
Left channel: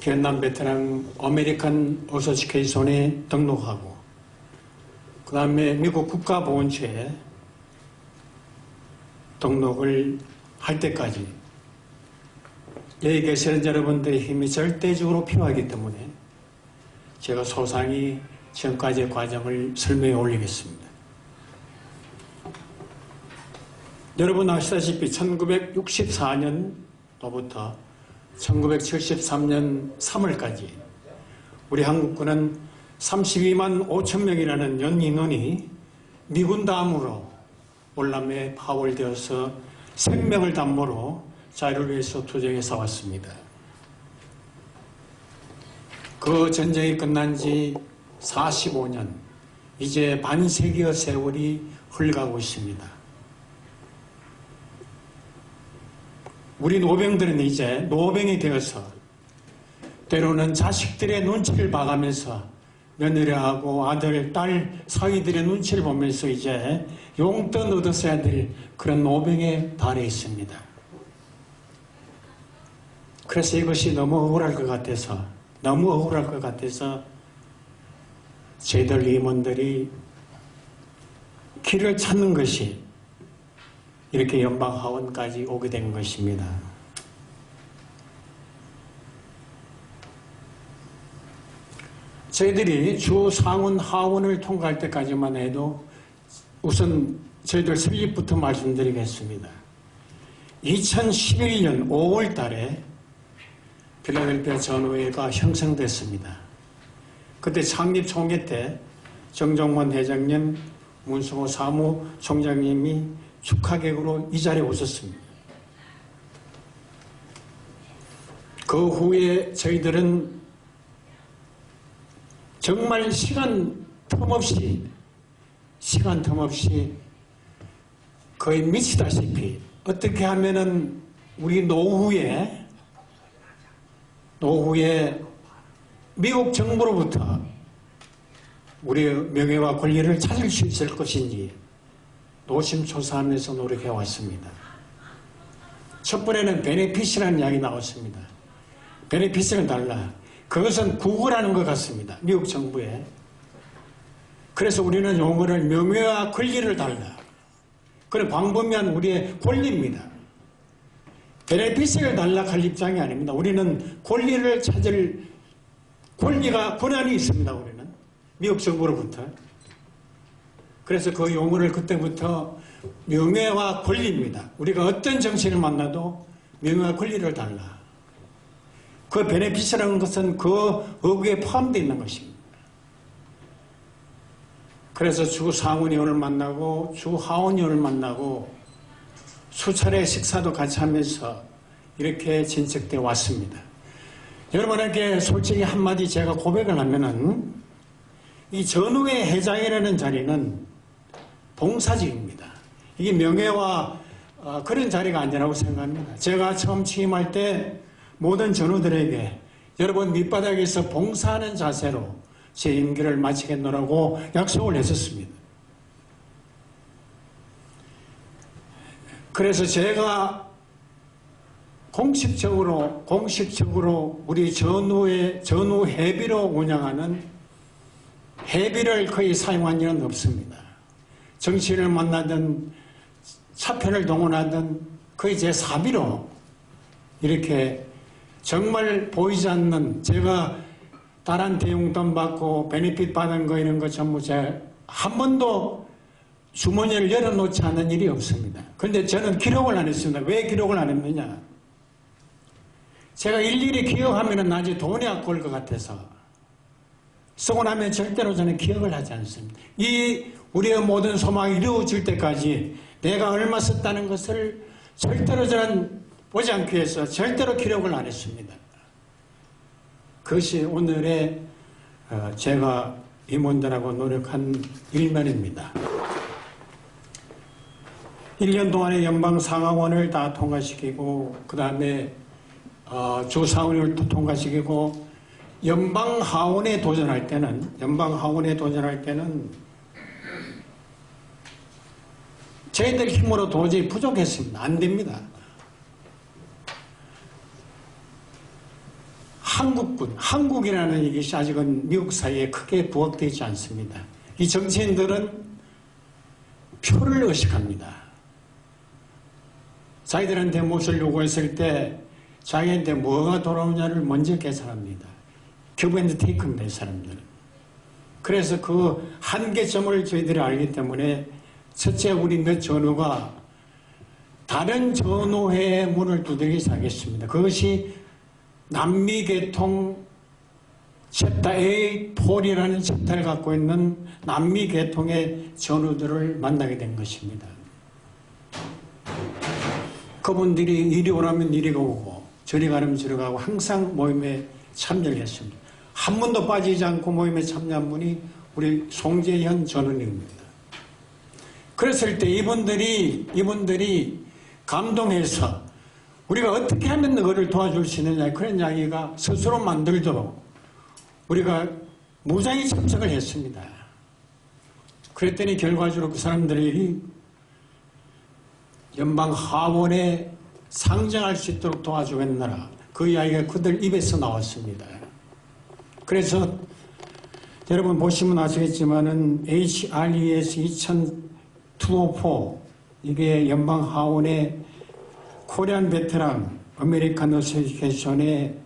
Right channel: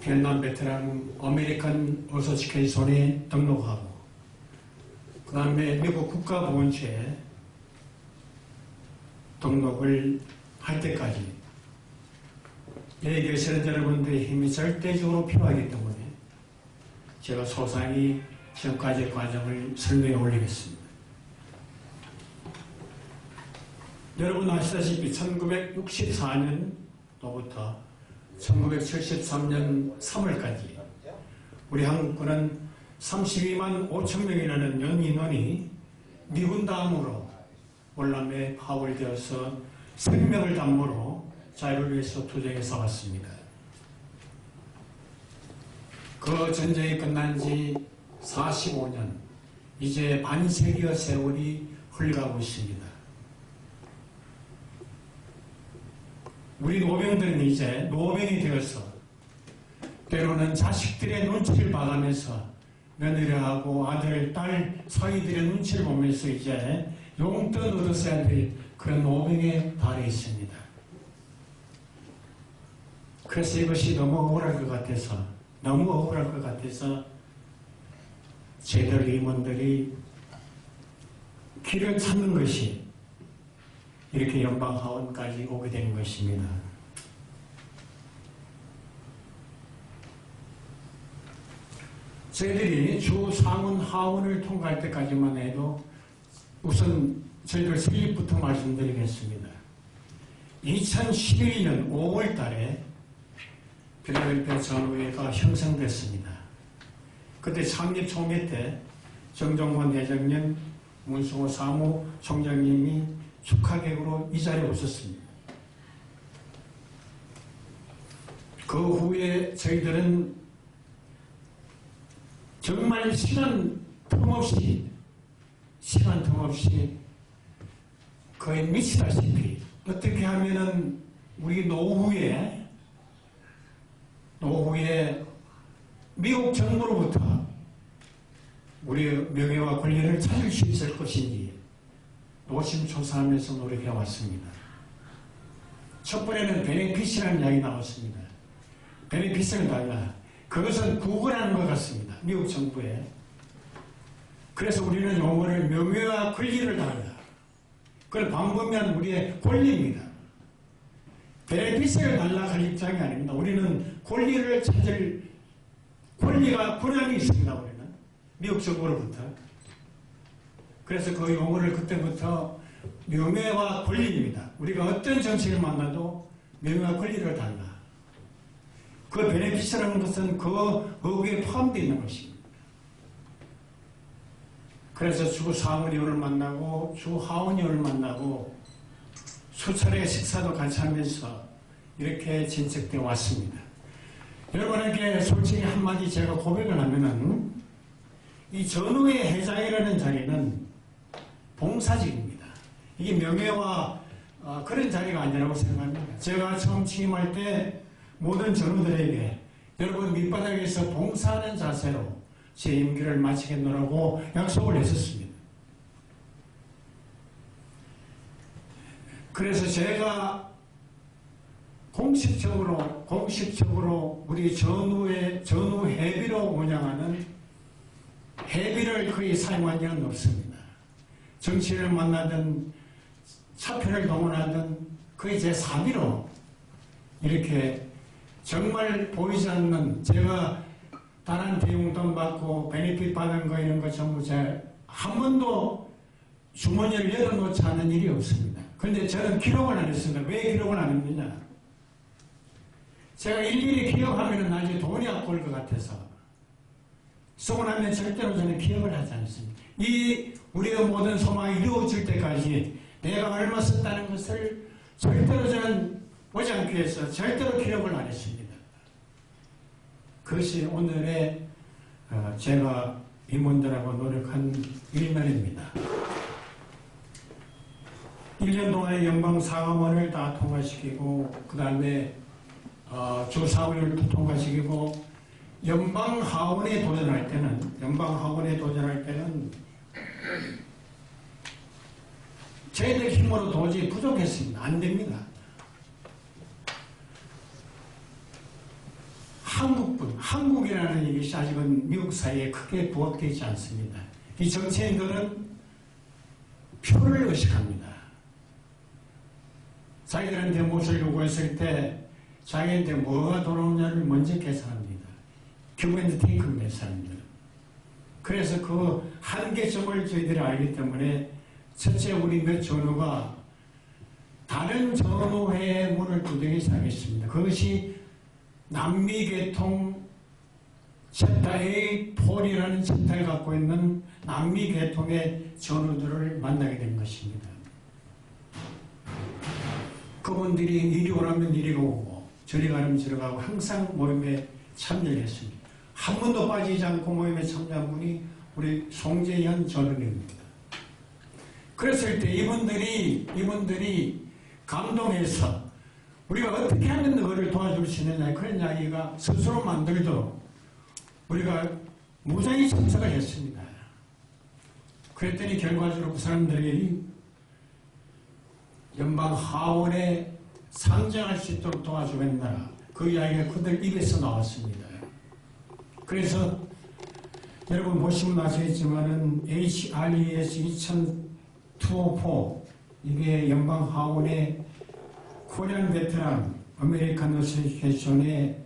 베트남 베트남 아메리칸 어소시에이션에 등록하고 그 다음에 미국 국가보훈처에 등록을 할 때까지 여기 계시는 여러분들의 힘이 절대적으로 필요하기 때문에 제가 소상히 지금까지의 과정을 설명해 올리겠습니다. 여러분 아시다시피 1964년도부터 1973년 3월까지 우리 한국군은 32만 5천 명이라는 연인원이 미군 다음으로 월남에 파월되어서 생명을 담보로 자유를 위해서 투쟁해 싸웠습니다. 그 전쟁이 끝난 지 45년, 이제 반세기의 세월이 흘러가고 있습니다. 우리 노병들은 이제 노병이 되어서 때로는 자식들의 눈치를 봐가면서 며느리하고 아들, 딸, 사위들의 눈치를 보면서 이제 용돈 얻었어야 될 그런 노병에 달해 있습니다. 그래서 이것이 너무 억울할 것 같아서 저희들 임원들이 길을 찾는 것이 이렇게 연방하원까지 오게 된 것입니다. 저희들이 주 상원 하원을 통과할 때까지만 해도 우선 저희들 설립부터 말씀드리겠습니다. 2011년 5월 달에 필라델피아 전의회가 형성됐습니다. 그때 창립 총회 때 정종원 회장님, 문수호 사무총장님이 축하객으로 이 자리에 오셨습니다. 그 후에 저희들은 정말 시간 틈없이 거의 미치다시피 어떻게 하면은 우리 노후에 미국 정부로부터 우리의 명예와 권리를 찾을 수 있을 것인지 노심초사하면서 노력해 왔습니다. 첫 번에는 베네핏이라는 이야기 나왔습니다. 베네핏을 달라. 그것은 구걸하는 것 같습니다. 미국 정부에. 그래서 우리는 용어를 명예와 권리를 달라. 그건 광범위한 우리의 권리입니다. 베네핏을 달라할 입장이 아닙니다. 우리는 권리를 찾을 권한이 있습니다. 우리는 미국 정부로부터. 그래서 그 용어를 그때부터 명예와 권리입니다. 우리가 어떤 정치를 만나도 명예와 권리를 달라. 그 베네핏이라는 것은 그 어구에 포함되어 있는 것입니다. 그래서 주 상원의원을 만나고 주 하원의원을 만나고 수차례 식사도 같이 하면서 이렇게 진척되어 왔습니다. 여러분에게 솔직히 한마디 제가 고백을 하면은 이 전후의 회장이라는 자리는 봉사직입니다. 이게 명예와 그런 자리가 아니라고 생각합니다. 제가 처음 취임할 때 모든 전우들에게 여러분 밑바닥에서 봉사하는 자세로 제 임기를 마치겠노라고 약속을 했었습니다. 그래서 제가 공식적으로 우리 전후 회비로 운영하는 회비를 거의 사용한 적은 없습니다. 정치를 만나든 사표를 동원하든 거의 제 사비로 이렇게 정말 보이지 않는 제가 다른 대용돈 받고 베네핏 받는 거 이런 거 전부 제가 한 번도 주머니를 열어놓지 않은 일이 없습니다. 그런데 저는 기록을 안 했습니다. 왜 기록을 안 했느냐? 제가 일일이 기억하면 나중에 돈이 아까울 것 같아서 쓰고 나면 절대로 저는 기억을 하지 않습니다. 이 우리의 모든 소망이 이루어질 때까지 내가 얼마 썼다는 것을 절대로 저는 보지 않기 위해서 절대로 기록을 안 했습니다. 그것이 오늘의 제가 임원들하고 노력한 일면입니다. 1년 동안에 연방상하원을 다 통과시키고 그 다음에 주상원을 통과시키고 연방하원에 도전할 때는 저희들 힘으로 도저히 부족했습니다. 안 됩니다. 한국이라는 이것이 아직은 미국 사회에 크게 부각되지 않습니다. 이 정치인들은 표를 의식합니다. 자기들한테 무엇을 요구했을 때 자기한테 뭐가 돌아오냐를 먼저 계산합니다. give and take입니다, 사람들은. 그래서 그 한계점을 저희들이 알기 때문에 첫째 우리 몇 전우가 다른 전우회의 문을 두드리기 시작했습니다. 그것이 남미계통 챕터 A 폴이라는 챕터를 갖고 있는 남미계통의 전우들을 만나게 된 것입니다. 그분들이 이리 오라면 이리가 오고 저리 가면 저리 가고 항상 모임에 참여를 했습니다. 한 번도 빠지지 않고 모임에 참여한 분이 우리 송재현 전우님입니다. 그랬을 때 이분들이 감동해서 우리가 어떻게 하면 그거를 도와줄 수 있느냐 그런 이야기가 스스로 만들도록 우리가 무장히 참석을 했습니다. 그랬더니 결과적으로 그 사람들이 연방 하원에 상정할 수 있도록 도와주겠노라 그 이야기가 그들 입에서 나왔습니다. 그래서 여러분 보시면 아시겠지만은 HRES 2204 이게 연방 하원의 코리안 베테랑 아메리칸 어소시에이션의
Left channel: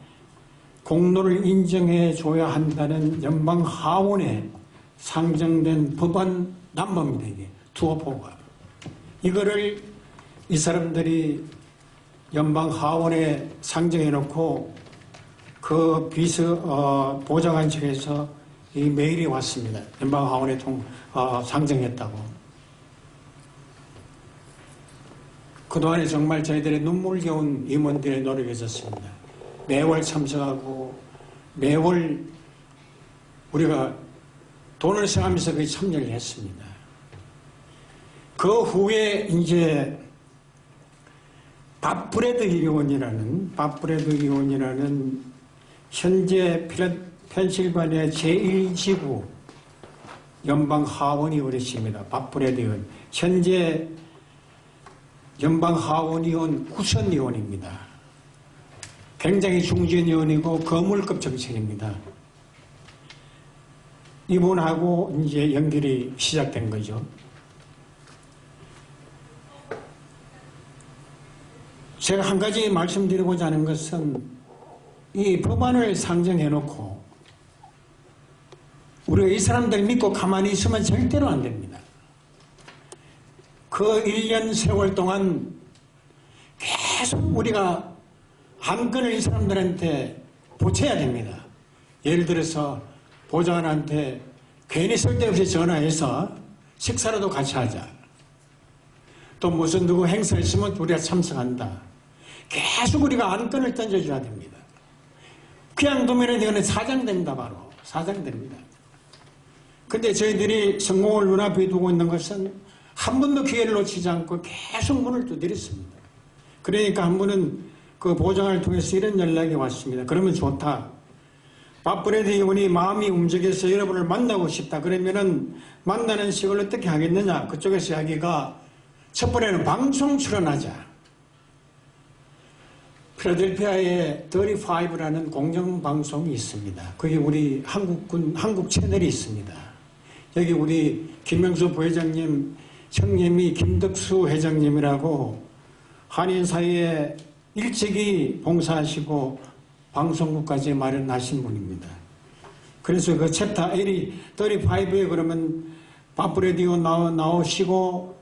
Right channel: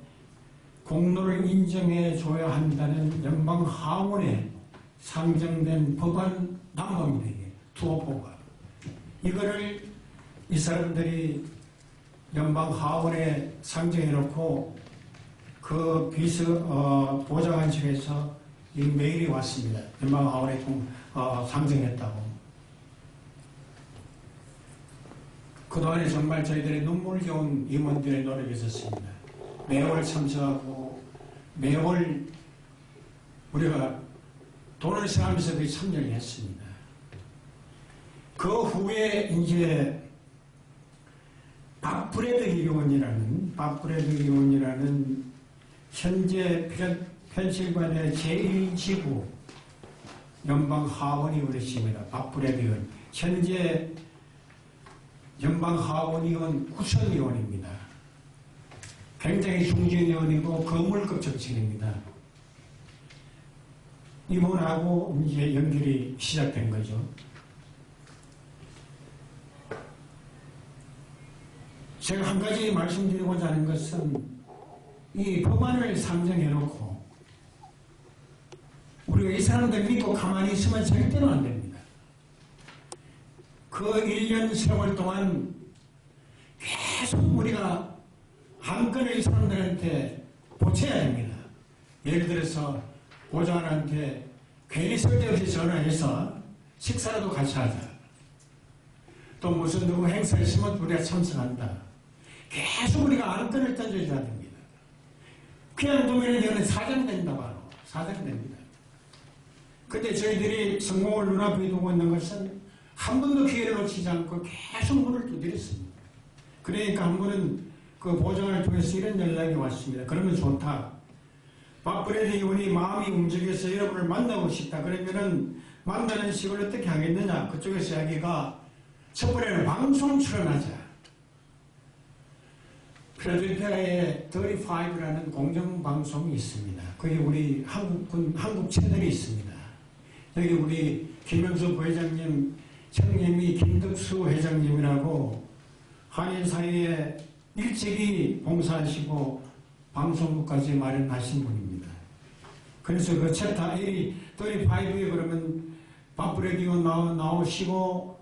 공로를 인정해 줘야 한다는 연방 하원에 상정된 법안 남법입니다. 이게 투어포가. 이거를 이 사람들이 연방 하원에 상정해 놓고 그 보좌관 측에서 이 메일이 왔습니다. 연방 하원에 상정했다고. 그동안에 정말 저희들의 눈물겨운 임원들의 노력이 있었습니다. 매월 참석하고 매월 우리가 돈을 써가면서 그 참여를 했습니다. 그 후에 이제 밥브레드 의원이라는 현재 펜실바니아 제1지구 연방 하원이 오르십니다. 밥브레드 의원. 현재 연방 하원의원 구선의원입니다. 굉장히 중진의원이고 거물급 정치인입니다. 이분하고 이제 연결이 시작된 거죠. 제가 한 가지 말씀드리고자 하는 것은 이 법안을 상정해놓고 우리가 이 사람들 믿고 가만히 있으면 절대로 안 됩니다. 그 1년 세월 동안 계속 우리가 안건을 이 사람들한테 보채야 됩니다. 예를 들어서 보좌관한테 괜히 쓸데없이 전화해서 식사라도 같이 하자. 또 무슨 누구 행사 있으면 우리가 참석한다. 계속 우리가 안건을 던져줘야 됩니다. 그냥 두면 이거는 사장됩니다. 바로 사장됩니다. 근데 저희들이 성공을 눈앞에 두고 있는 것은 한 번도 기회를 놓치지 않고 계속 문을 두드렸습니다. 그러니까 한 번은 그 보좌관을 통해서 이런 연락이 왔습니다. 그러면 좋다. 밥브레드 의원이 마음이 움직여서 여러분을 만나고 싶다. 그러면은 만나는 식을 어떻게 하겠느냐. 그쪽에서 이야기가 첫 번째는 방송 출연하자. 필라델피아에 35라는 공정방송이 있습니다. 그게 우리 한국 채널이 있습니다. 여기 우리 김명수 부회장님 형님이 김덕수 회장님이라고 한인 사회에 일찍이 봉사하시고 방송국까지 마련하신 분입니다. 그래서 그 챕터 35에 그러면 밥브레디오 나오시고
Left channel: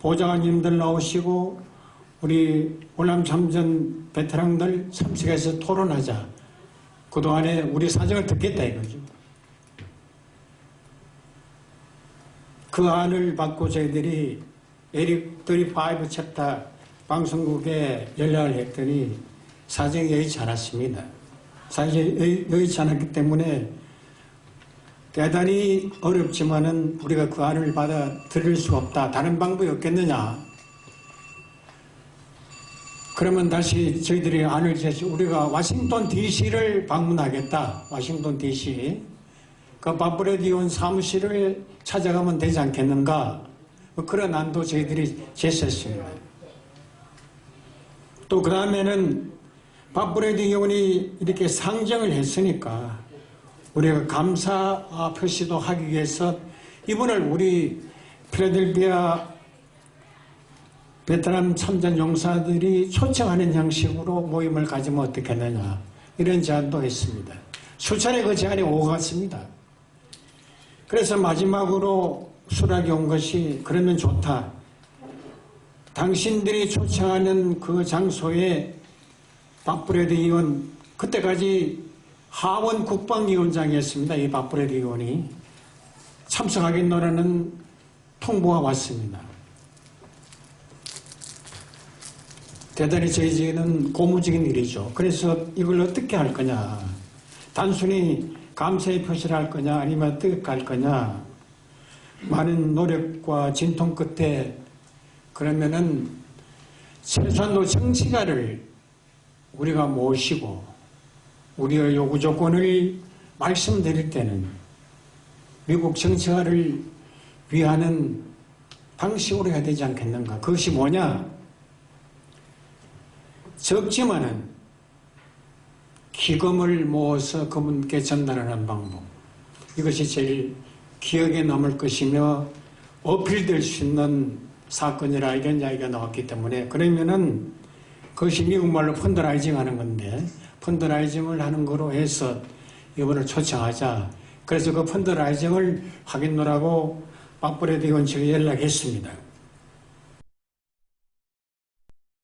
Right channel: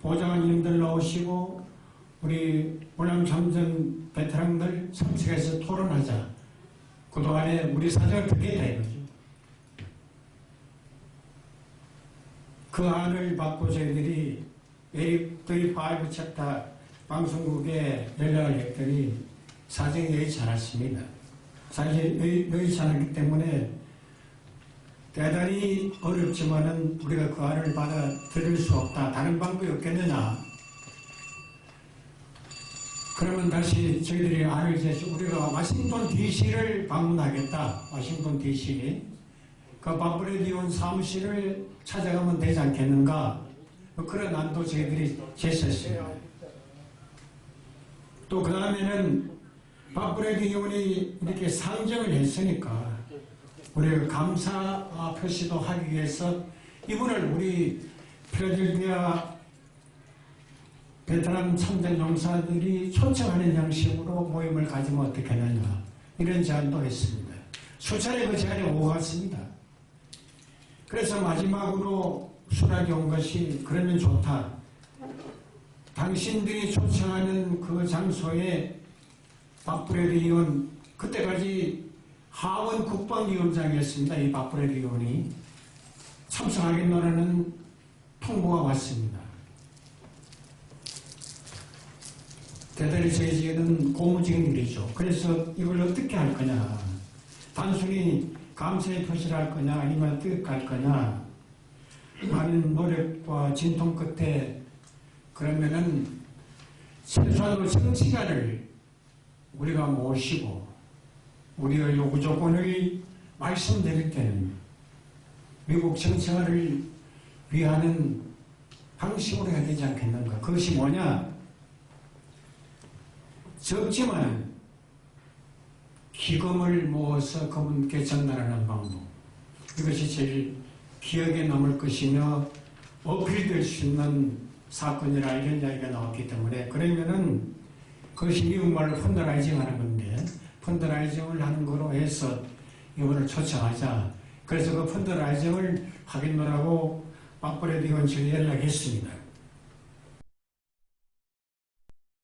보좌관님들 나오시고 우리 월남 참전 베테랑들 참석해서 토론하자. 그동안에 우리 사정을 듣겠다 이거죠. 그 안을 받고 저희들이 35 챕터 방송국에 연락을 했더니 사정이 여의치 않았습니다. 사정이 여의치 않았기 때문에 대단히 어렵지만은 우리가 그 안을 받아들일 수 없다. 다른 방법이 없겠느냐. 그러면 다시 저희들이 안을 제시 우리가 워싱턴 DC를 방문하겠다. 워싱턴 DC. 그 밥브레드 의원 사무실을 찾아가면 되지 않겠는가. 그런 안도 저희들이 제시했습니다. 또 그 다음에는 밥브레드 의원이 이렇게 상정을 했으니까 우리가 감사 표시도 하기 위해서 이분을 우리 필라델피아 베트남 참전 용사들이 초청하는 형식으로 모임을 가지면 어떻겠느냐 이런 제안도 했습니다. 수차례 그 제안이 오고 갔습니다. 그래서 마지막으로 수락이 온 것이 그러면 좋다. 당신들이 초청하는 그 장소에 밥브레드 의원 그때까지 하원 국방위원장이었습니다. 이 밥브레드 의원이 참석하겠노라는 통보가 왔습니다. 대단히 저희에게는 고무적인 일이죠. 그래서 이걸 어떻게 할 거냐. 단순히 감사의 표시를 할 거냐 아니면 어떻게 할 거냐. 많은 노력과 진통 끝에 그러면은 최소한도 정치가를 우리가 모시고 우리의 요구 조건을 말씀드릴 때는 미국 정치가를 위하는 방식으로 해야 되지 않겠는가. 그것이 뭐냐. 적지만은 기금을 모아서 그분께 전달하는 방법. 이것이 제일 기억에 남을 것이며 어필될 수 있는 사건이라 이런 이야기가 나왔기 때문에 그러면은 그것이 미국말로 펀드라이징 하는 건데 펀드라이징을 하는 거로 해서 이번을 초청하자. 그래서 그 펀드라이징을 하겠노라고 박브레드 의원측에 연락했습니다.